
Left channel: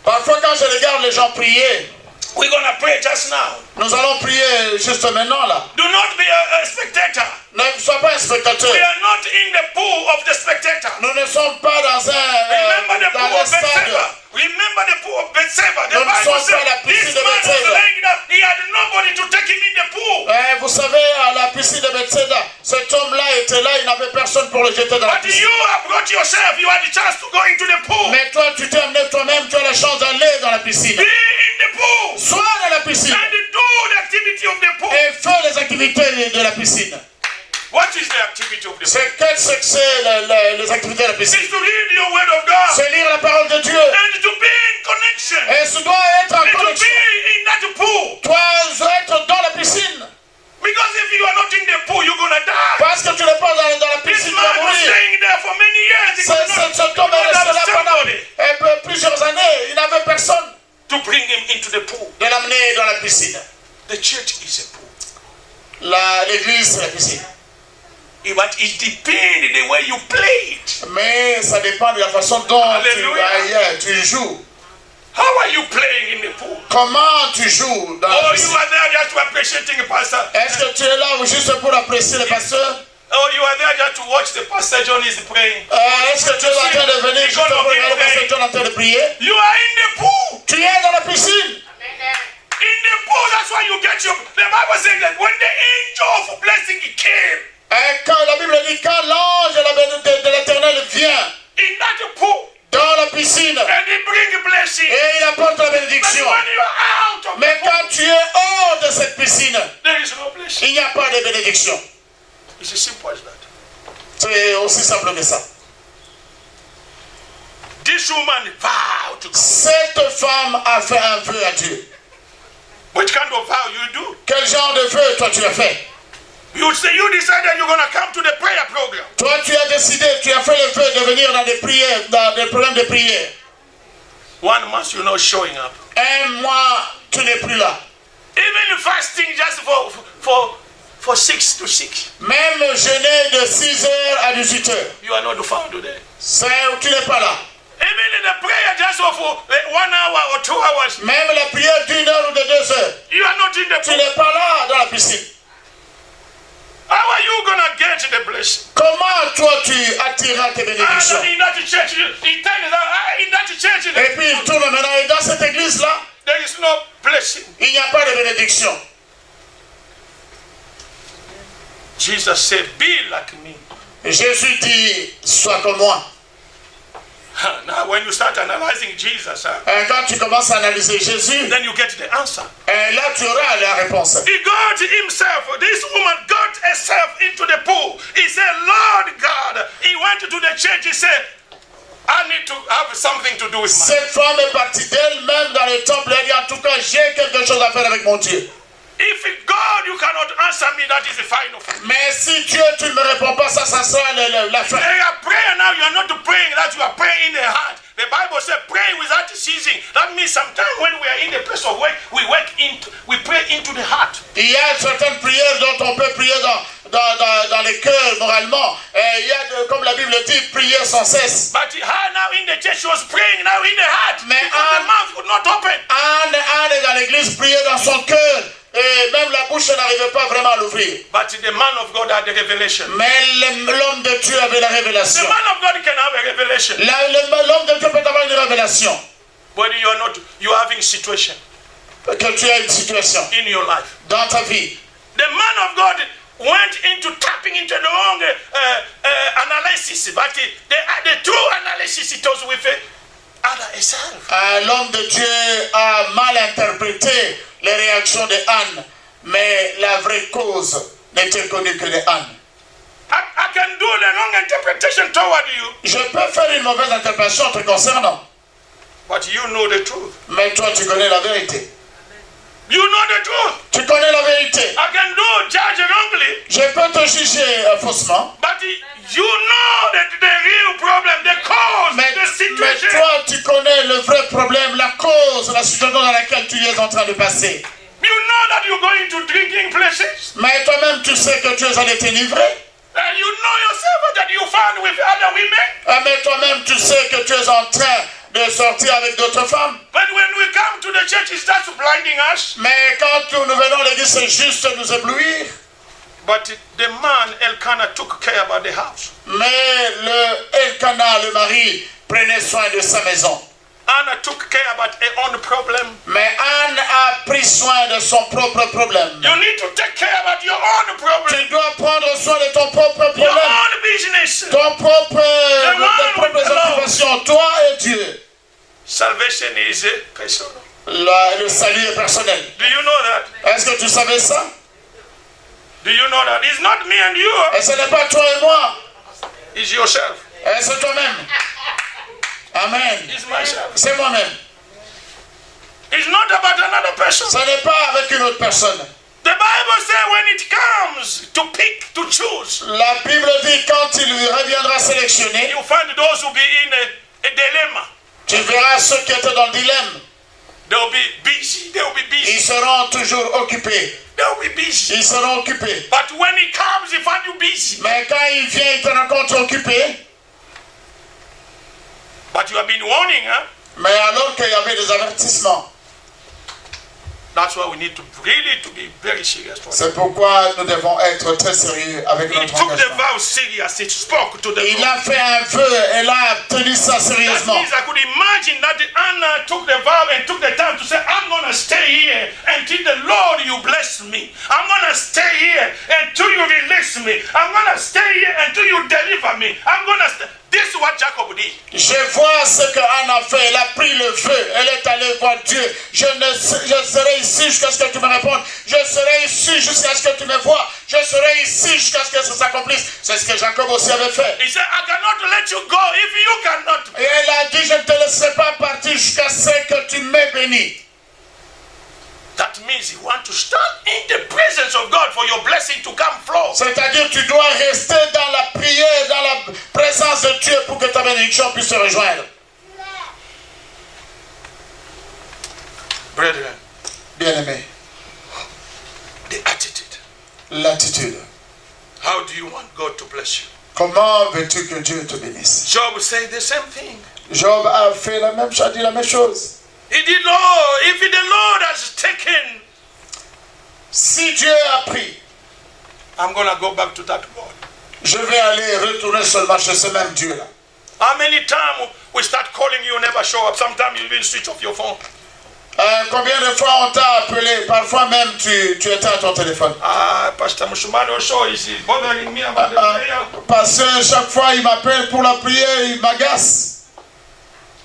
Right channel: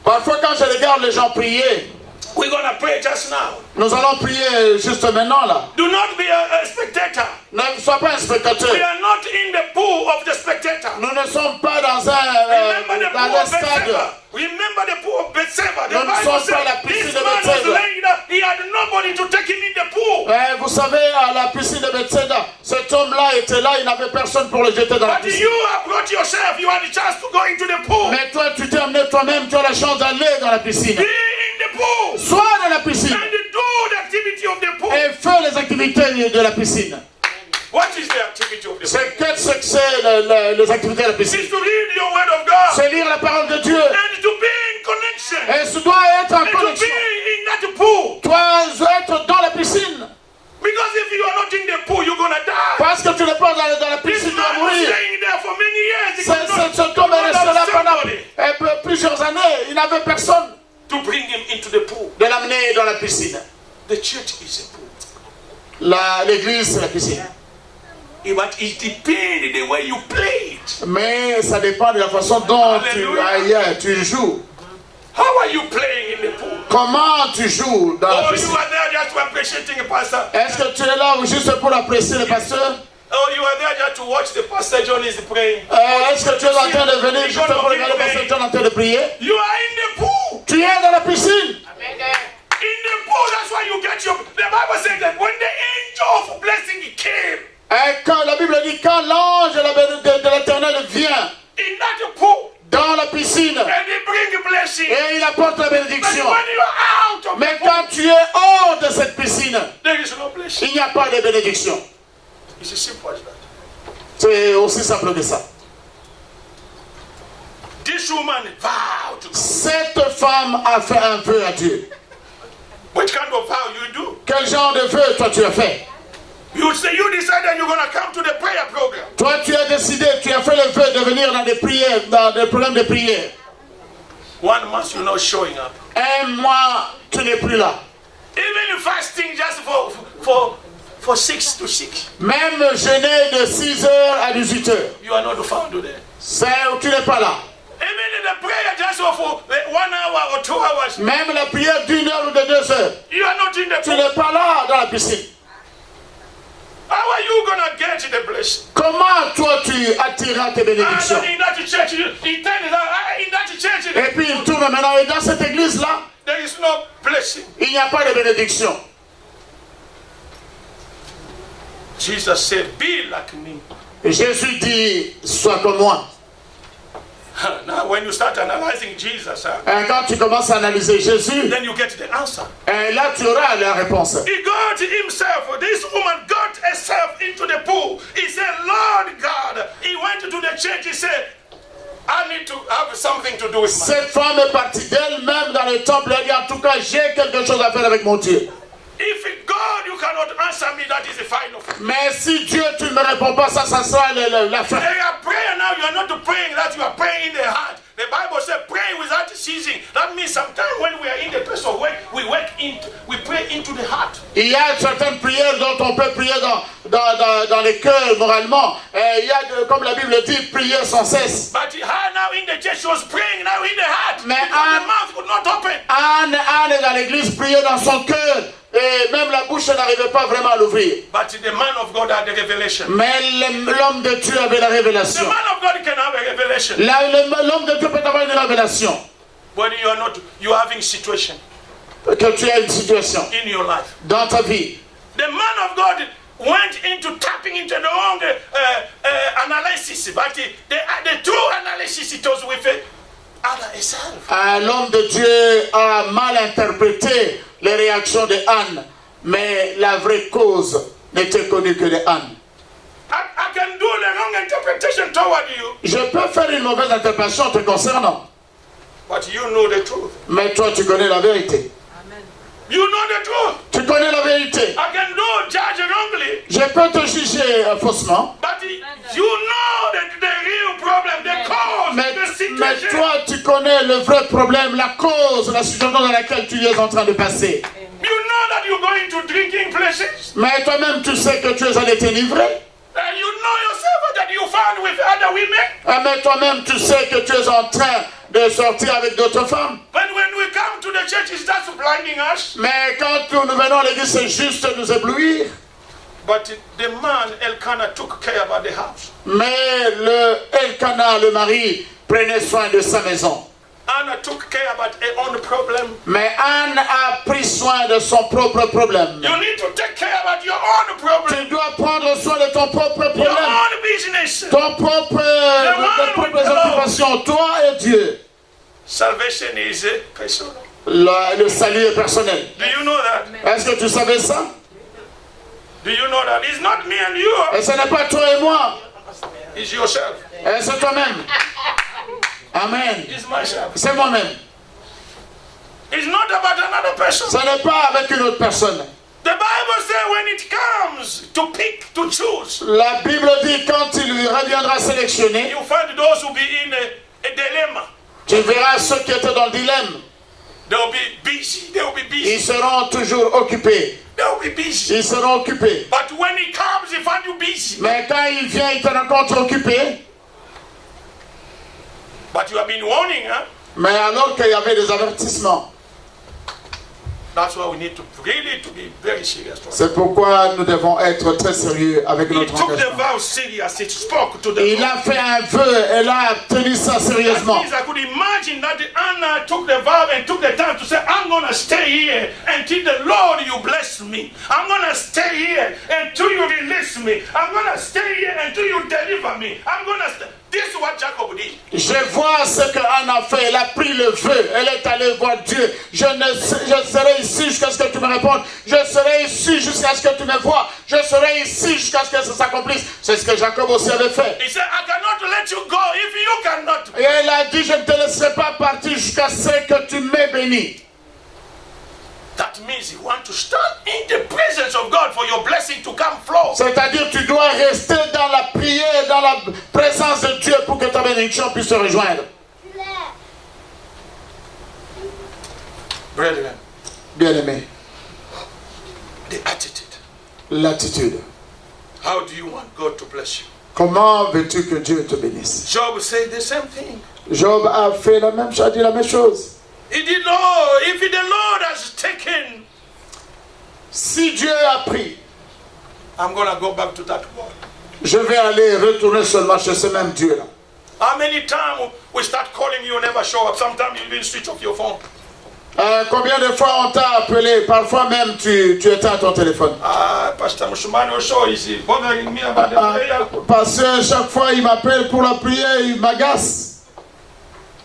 Parfois quand je regarde les gens prier, We're going to pray just now. nous allons prier juste maintenant là. Do not be a spectator. Ne sois pas un spectateur. We are not in the pool of the spectator. Nous ne sommes pas dans Remember the pool un of stade. Bethsaida. Remember the pool of Bethsaida. The Nous ne Bible sommes pas à la said piscine this de man was Bethsaida. laying down. He had nobody to take him in the pool. Vous savez, à la piscine de Bethsaida, cet homme-là était là, il n'avait personne pour le jeter dans la But piscine. you have brought yourself. You had the chance to go into the pool. Mais toi, tu t'es amené toi-même, tu as la chance d'aller dans la piscine. Be in the pool. Sois dans la piscine And do the activity of the pool. et fais les activités de la piscine. What is the activity of the pool? C'est les activités de la piscine. It's to read your word of God. C'est lire la parole de Dieu. And to be in connection. Et tu dois être en And to connexion. be in that pool. Tu dois être dans la piscine. Because if you are not in the pool, you're going to die. Parce que tu n'es pas dans la This piscine, tu vas man was mourir. staying there for many years. He could not, Cet homme est resté là pendant somebody plusieurs années. Il n'avait personne to bring him into the pool. de l'amener dans la piscine. The church is a pool. L'église, c'est la piscine. But it depends the way you play it. Mais ça dépend de la façon dont tu joues. How are you playing in the pool? Comment tu joues dans la Oh, you piscine? are there just to appreciating a pastor. Est-ce que tu es là juste pour apprécier le pasteur? Oh, you are there just to watch the pastor John is praying. Est-ce que tu es en train de venir juste pour regarder le pasteur John en train de prier? You are in the pool. Tu es dans la piscine. In the pool, that's why you get your... The Bible says that when the angel of blessing came, Quand la Bible dit quand l'ange de l'Éternel vient in that pool, dans la piscine and he bring blessing. et il apporte la But bénédiction. when you are out of the Mais pool, quand tu es hors de cette piscine, there is no blessing. il n'y a pas de bénédiction. It's as simple as that. C'est aussi simple que ça. This woman vowed to God. Cette femme a fait un vœu à Dieu. What kind of vow you do? Quel genre de vœu toi tu as fait? You say you decided you're going to come to the prayer program. Toi tu as décidé, tu as fait le vœu de venir dans des prières, dans des problèmes de prière. 1 month you're not showing up. Un mois, tu n'es plus là. Even fasting just for 6 to 6. Même jeûner de 6h à 18h. You are not found today. Tu n'es pas là. Even in the prayer just for 1 hour or 2 hours. Même la prière d'1 heure ou de 2 heures. You are not in the Tu pool. n'es pas là dans la piscine. How are you going to get the blessing? Comment toi tu attireras tes bénédictions? In that church, he tells us, in that church, Et puis il tourne maintenant et dans cette église là, there is no blessing. il n'y a pas de bénédiction. Jesus said, be like me. Et Jésus dit, sois comme moi. Now when you start analyzing Jesus, Et quand tu commences à analyser Jésus, then you get the answer. et là tu auras la réponse. He got himself, this woman got herself into the pool. He said, Lord God. He went to the church, he said, I need to have something to do with my... Cette femme est partie d'elle-même dans le temple. Elle dit, en tout cas, j'ai quelque chose à faire avec mon Dieu. If it God, you cannot answer me, that is the final. Mais si Dieu, tu ne me réponds pas, ça sera la fin. They are praying now, you are not praying that you are praying in the heart. The Bible says pray without ceasing. That means sometimes when we are in the place of work, we pray into the heart. Il y a certaines prières dont on peut prier dans les cœurs moralement. Et il y a, comme la Bible dit, prier sans cesse. But her now in the church, she was praying now in the heart. Mais because the mouth would not open. Anne est dans l'église, priait dans son cœur. Et même la bouche n'arrivait pas vraiment à l'ouvrir. But the man of God had the revelation. Mais l'homme de Dieu avait la révélation. The man of God can have a revelation. L'homme de Dieu peut avoir une révélation. When you are not, you are having situation Que tu as une situation in your life. dans ta vie. The man of God went into tapping into the wrong analysis, but the true analysis it was with Anna herself. L'homme de Dieu a mal interprété les réactions de Anne, mais la vraie cause n'était connue que de Anne. I can do the wrong interpretation toward you. Je peux faire une mauvaise interprétation te concernant, But you know the truth. mais toi tu connais la vérité. You know the truth. Tu connais la vérité. I can do judge wrongly. Je peux te juger faussement, But le vrai problème, la cause, la situation dans laquelle tu es en train de passer. You know that you're going to drinking places. Mais toi-même, tu sais que tu es allé t'enivrer. And you know yourself that you found with other women. Mais toi-même, tu sais que tu es en train de sortir avec d'autres femmes. But when we come to the church, it starts blinding us. Mais quand nous venons à l'église, c'est juste nous éblouir. But the man, Elkanah, took care about the house. Mais Elkanah, le mari, prenait soin de sa maison. Anna took care about her own problem. Mais Anne a pris soin de son propre problème. You need to take care about your own problem. Tu dois prendre soin de ton propre Your problème. own business. Ton propre, tes propres occupations, toi et Dieu. Salvation is personal. Le salut est personnel. Do you know that? Est-ce que tu savais ça? Do you know that? It's not me and you. Et ce n'est pas toi et moi. It's yourself. Et c'est toi-même. Amen. It's myself. C'est moi-même. It's not about another person. Ce n'est pas avec une autre personne. The Bible says when it comes to pick, to choose, La Bible dit quand il lui reviendra sélectionner, you find those who be in a dilemma. tu verras ceux qui étaient dans le dilemme. They'll be busy. They'll be busy. Ils seront toujours occupés. They'll be busy. Ils seront occupés. But when he comes, he find you busy. Mais quand il vient, il te rencontre occupé. But you have been warning, huh? Mais alors qu'il y avait des avertissements. That's why we need to really to be very serious. C'est pourquoi nous devons être très sérieux avec He notre took the engagement. vow serious. He spoke to the Il Lord. a fait un vœu et a tenu ça That sérieusement. means I could imagine that Anna took the vow and took the time to say, I'm going to stay here until the Lord you bless me. I'm going to stay here until you release me. I'm going to stay here until you deliver me. I'm going to stay. This is what Jacob did. Je vois ce que Anne a fait. Elle a pris le vœu. Elle est allée voir Dieu. Je serai ici jusqu'à ce que tu me répondes. Je serai ici jusqu'à ce que tu me vois. Je serai ici jusqu'à ce que ça s'accomplisse. C'est ce que Jacob aussi avait fait. He said, I cannot let you go if you cannot. Et elle a dit, je ne te laisserai pas partir jusqu'à ce que tu m'aies béni. That means you want to stand in the presence of God for your blessing to come flow. C'est-à-dire tu dois rester dans la prière, dans la présence de Dieu pour que ta bénédiction puisse te rejoindre. Brethren, Bien-aimé, the attitude. l'attitude. How do you want God to bless you? Comment veux-tu que Dieu te bénisse? Job said the same thing. Job a fait la même chose, a dit la même chose. He did, oh, if the Lord has taken, Si Dieu a pris, I'm going to go back to that word. je vais aller retourner seulement chez ce même Dieu-là. How many times we start calling you, never show up? Sometimes you even switch off your phone. Combien de fois on t'a appelé? Parfois même tu éteins ton téléphone. Pastor Mushumani Osho is bothering me about the prayer. Parce que chaque fois il m'appelle pour la prière, il m'agace.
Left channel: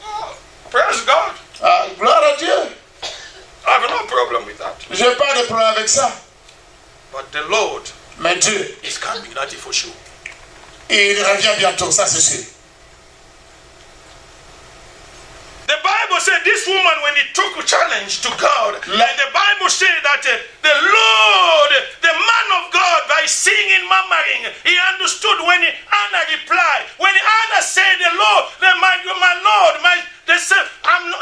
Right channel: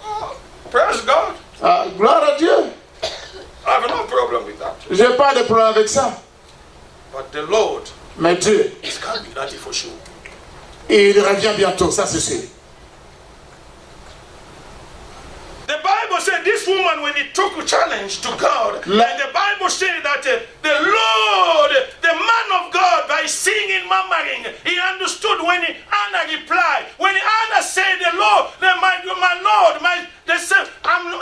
Oh, praise God. Gloire à Dieu. I have no problem with that. J'ai pas de problème avec ça. But the Lord Mais Dieu, is coming, that is for sure. il revient bientôt, ça c'est sûr. The Bible said this woman, when he took a challenge to God, and the Bible said that the Lord, the man of God, by singing, murmuring, he understood when Anna replied. When Anna said, "The Lord, my Lord,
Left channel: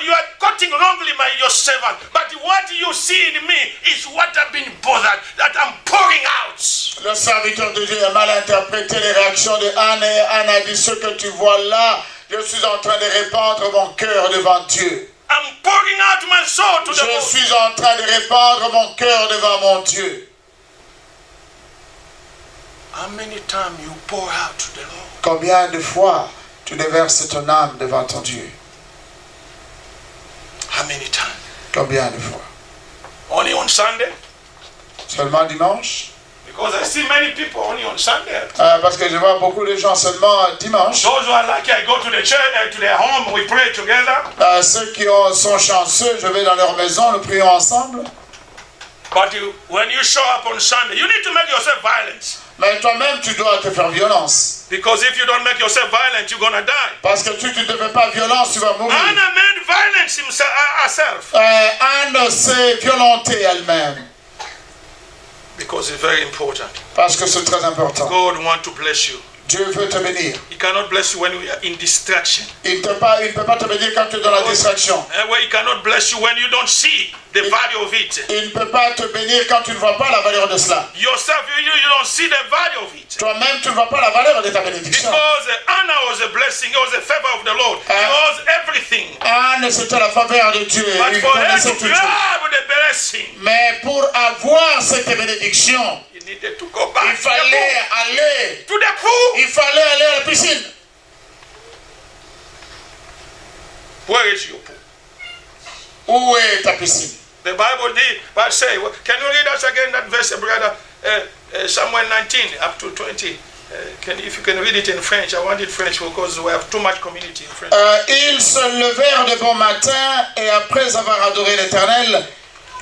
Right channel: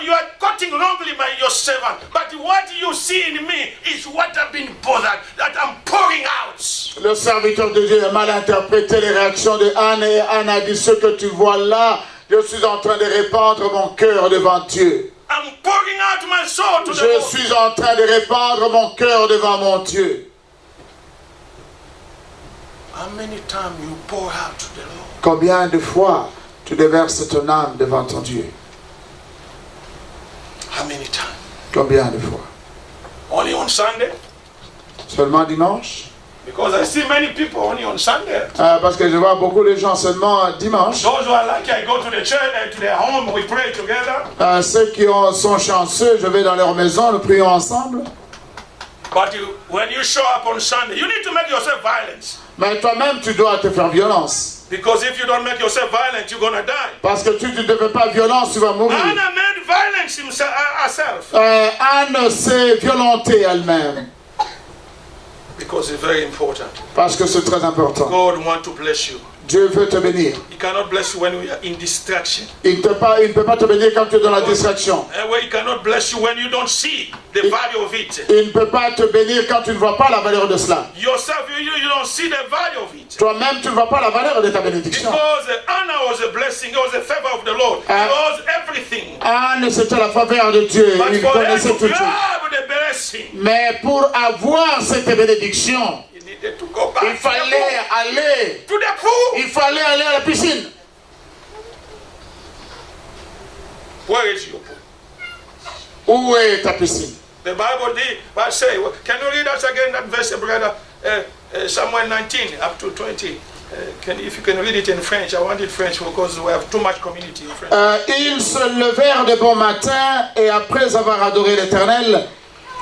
you are quoting wrongly your servant, but what you see in me is what I've been bothered, that I'm pouring out." Le serviteur de Dieu a mal interprété les réactions de Anne et Anne a dit ce que tu vois là. Je suis en train de répandre mon cœur devant Dieu. I'm pouring out my soul to the Je Lord. suis en train de répandre mon cœur devant mon Dieu. How many times you pour out to the Lord? Combien de fois tu déverses ton âme devant ton Dieu? How many times? Combien de fois? Only on Sunday? Seulement dimanche? Because I see many people only on Sunday. Parce que je vois beaucoup de gens seulement dimanche. Those who are lucky, I go to the church, to their home, we pray together. Ceux qui sont chanceux, je vais dans leur maison, nous prions ensemble. But when you show up on Sunday, you need to make yourself violent. Mais toi-même, tu dois te faire violence. Because if you don't make yourself violent, you're going to die. Parce que tu ne te fais pas violence, tu vas mourir. Anna made violence herself. Anne s'est violentée elle-même. Because it's very important. Parce que c'est très important. God wants to bless you. Dieu veut te bénir. He cannot bless you when you are in distraction. Il ne peut pas te bénir quand tu es dans la distraction. He cannot bless you when you don't see the value of it. Il ne peut pas te bénir quand tu ne vois pas la valeur de cela. Yourself, you don't see the value of it. Toi-même, tu ne vois pas la valeur de ta bénédiction. Because Anna was a blessing, it was a favor of the Lord. It was everything. Anne, c'était la faveur de Dieu. But Il for her connaissait to tout. grab the blessing, Mais pour avoir cette bénédiction, he needed to go back il fallait aller. to the pool. Il fallait aller à la piscine. Where is your pool? Où est ta piscine? The Bible did say, can you read us again that verse, brother? Samuel 19 up to 20. If you can read it in French, I want it French because we have too much community in French. Ils se levèrent de bon matin et après avoir adoré l'Éternel,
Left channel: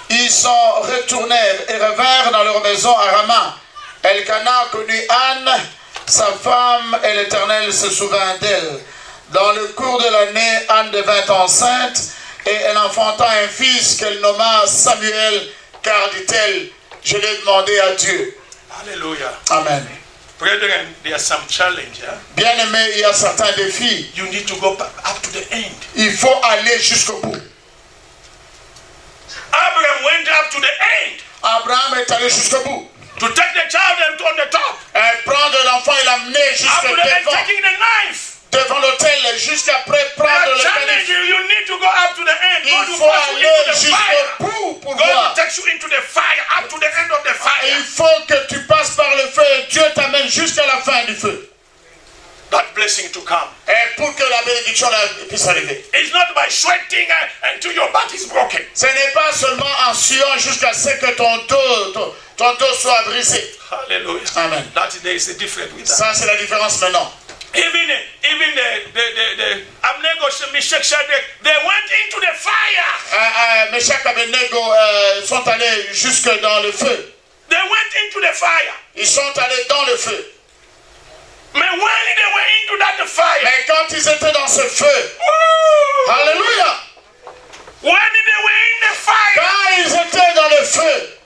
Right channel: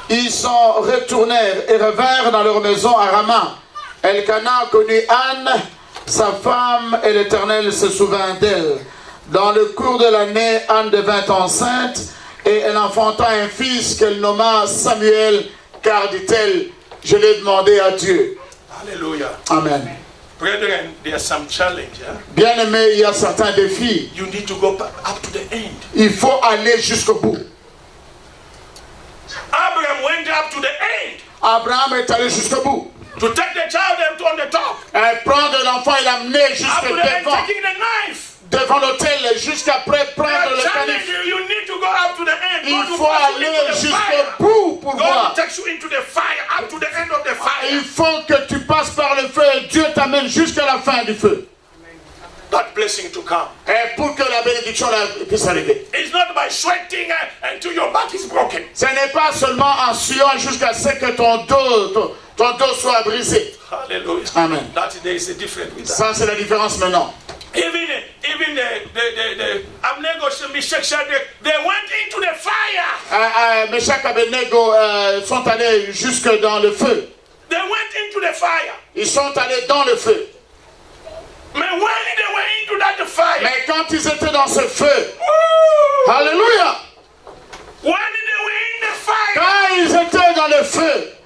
ils s'en retournèrent et revinrent dans leur maison à Rama. Elkana connut Anne, sa femme, et l'Éternel se souvint d'elle. Dans le cours de l'année, Anne devint enceinte et elle enfanta un fils qu'elle nomma Samuel, car dit-elle, je l'ai demandé à Dieu. Hallelujah. Amen. Brethren, there's some challenge. Bien aimé, il y a certains défis. You need to go up to the end. Il faut aller jusqu'au bout. Abraham went up to the end Abraham est allé jusqu'au bout. to take the child and on the top. Prendre l'enfant et l'amener Up jusqu'à to the end, devant, taking the knife. devant l'autel, jusqu'après prendre le Challenge canif. you need to go up to the end. Il God will faut pass you aller into the jusqu'au fire. bout pour God will voir. take you into the fire, up to the end of the fire. Il faut que tu passes par le feu et Dieu t'amène jusqu'à la fin du feu. That blessing to come. Et pour que la bénédiction puisse arriver. It's not by sweating until your back is broken. Ce n'est pas seulement en suant jusqu'à ce que ton dos soit brisé. Hallelujah. Amen. That there is a difference with that. Ça, c'est la différence maintenant. Even the Abnego, Meshach, Shadrach, they went into the fire. Meshach et Abednego sont allés jusque dans le feu. They went into the fire. Ils sont allés dans le feu. But when they were into that fire, Mais quand ils étaient dans ce feu, woo, alléluia, when they were in the fire, quand ils étaient dans le feu,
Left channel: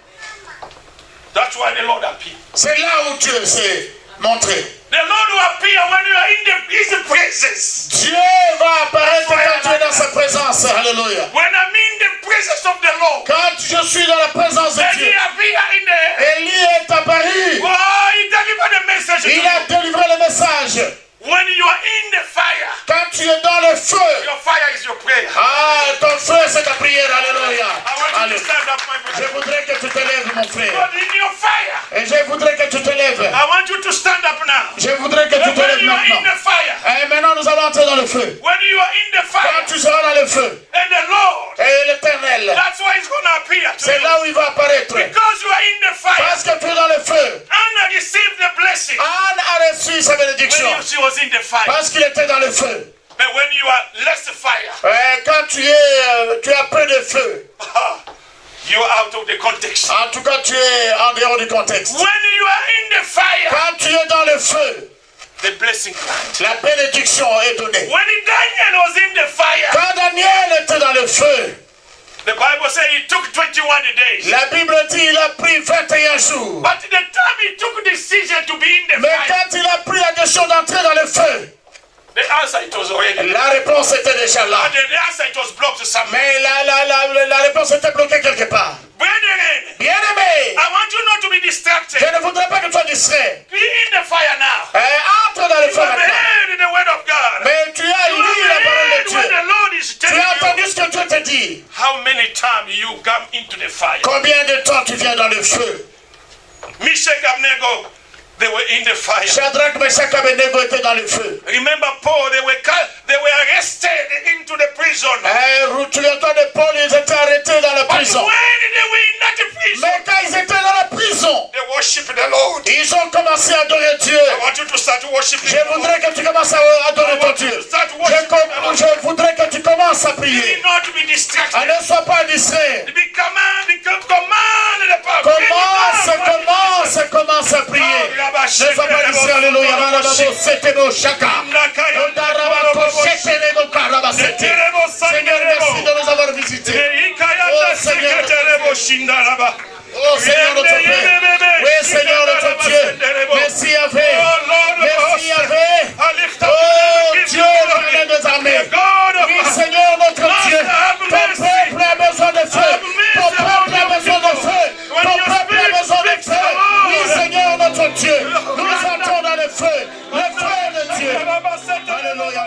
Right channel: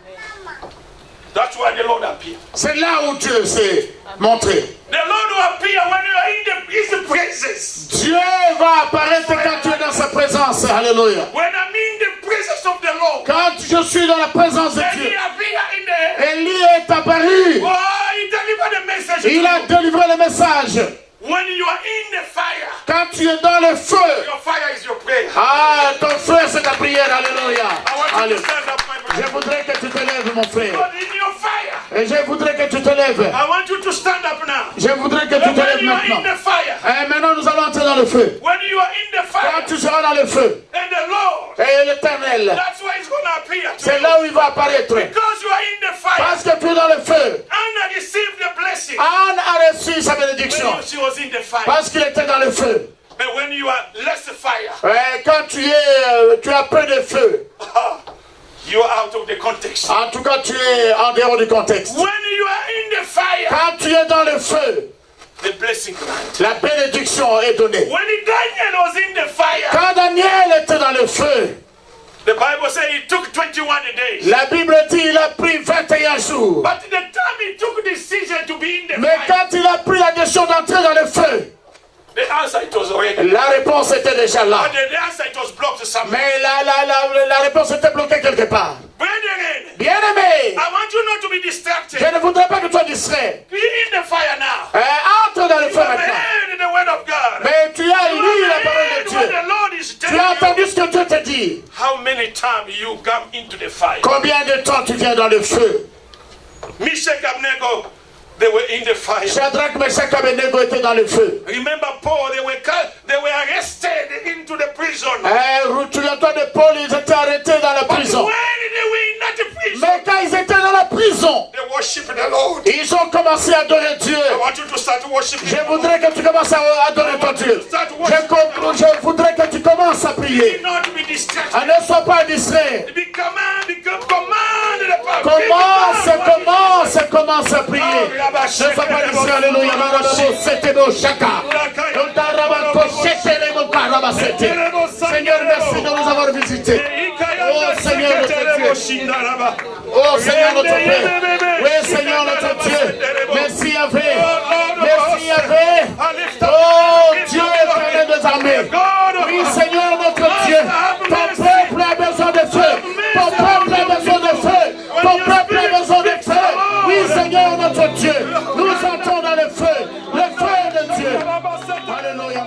that's why the Lord appeared. c'est là où Dieu s'est montré. The Lord will appear when you are in His presence. Dieu va apparaître quand tu es dans sa présence, alléluia. When I'm in the presence of the Lord, Quand je suis dans la présence de then Dieu, He appear in the. Élie est apparu. Oh, He delivered the message to Il a you. délivré le message. When you are in the fire, Quand tu es dans le feu, your fire is your prayer. ah, ton feu c'est ta prière, alléluia. I want you Allez. to stand up, my Je brother. voudrais que tu te lèves, mon frère. God, in your fire, Et je voudrais que tu te lèves. I want you to stand up now. Je voudrais que tu And te when lèves you are in maintenant. the fire, Et maintenant, nous allons entrer dans le feu. when you are in the fire, Quand tu seras dans le feu, and the Lord, et l'Éternel, that's why He's going to appear to c'est you. là où il va apparaître. Because you are in the fire, Parce que tu es dans le feu. Anna received the blessing Anne a reçu sa bénédiction. when she was in the fire. Parce qu'il était dans le feu. But when you are less fire, Et quand tu as peu de feu, you are out of the context. en tout cas, tu es en dehors du contexte. When you are in the fire, Quand tu es dans le feu, the blessing comes. la bénédiction est donnée. When Daniel was in the fire, Quand Daniel était dans le feu, the Bible says it took 21 days. la Bible dit il a pris 21 jours. But the time he took decision to be in the Mais fire, quand il a pris la décision d'entrer dans le feu, the answer it was already. la réponse était déjà là. But the answer it was blocked somewhere. Mais la réponse était bloquée quelque part. Brethren, Bien-aimé, I want you not to be distracted. je ne voudrais pas que tu sois distrait. Be in the fire now. Entre dans le You feu have maintenant. heard the word of God. Mais tu as You lu la have parole heard de what Dieu. the Lord is Tu as telling you. entendu ce que Dieu t'a dit. How many times you come into the fire? Combien de temps tu viens dans le feu? Meshach, Abednego, they were in the fire. Shadrach, Meshach et Abednego étaient dans le feu. Remember Paul, they were arrested into the prison. Souviens-toi de Paul, ils étaient arrêtés dans la But prison. when they were in that prison, Mais quand ils étaient dans la prison, they worshiped the Lord. ils ont commencé à adorer Dieu. I want you to start worshiping. Je voudrais que tu commences à adorer ton Dieu. Je voudrais que tu commences à prier. Not to be distracted. Ne sois pas distrait. Commence à prier. Ne sois pas distrait. Alléluia. C'était beau, chaka. Seigneur, merci de nous avoir visités. Oh Seigneur, notre Père. Oui, Seigneur, notre Dieu. Merci, Yahvé. Merci, le feu de Dieu. Alléluia,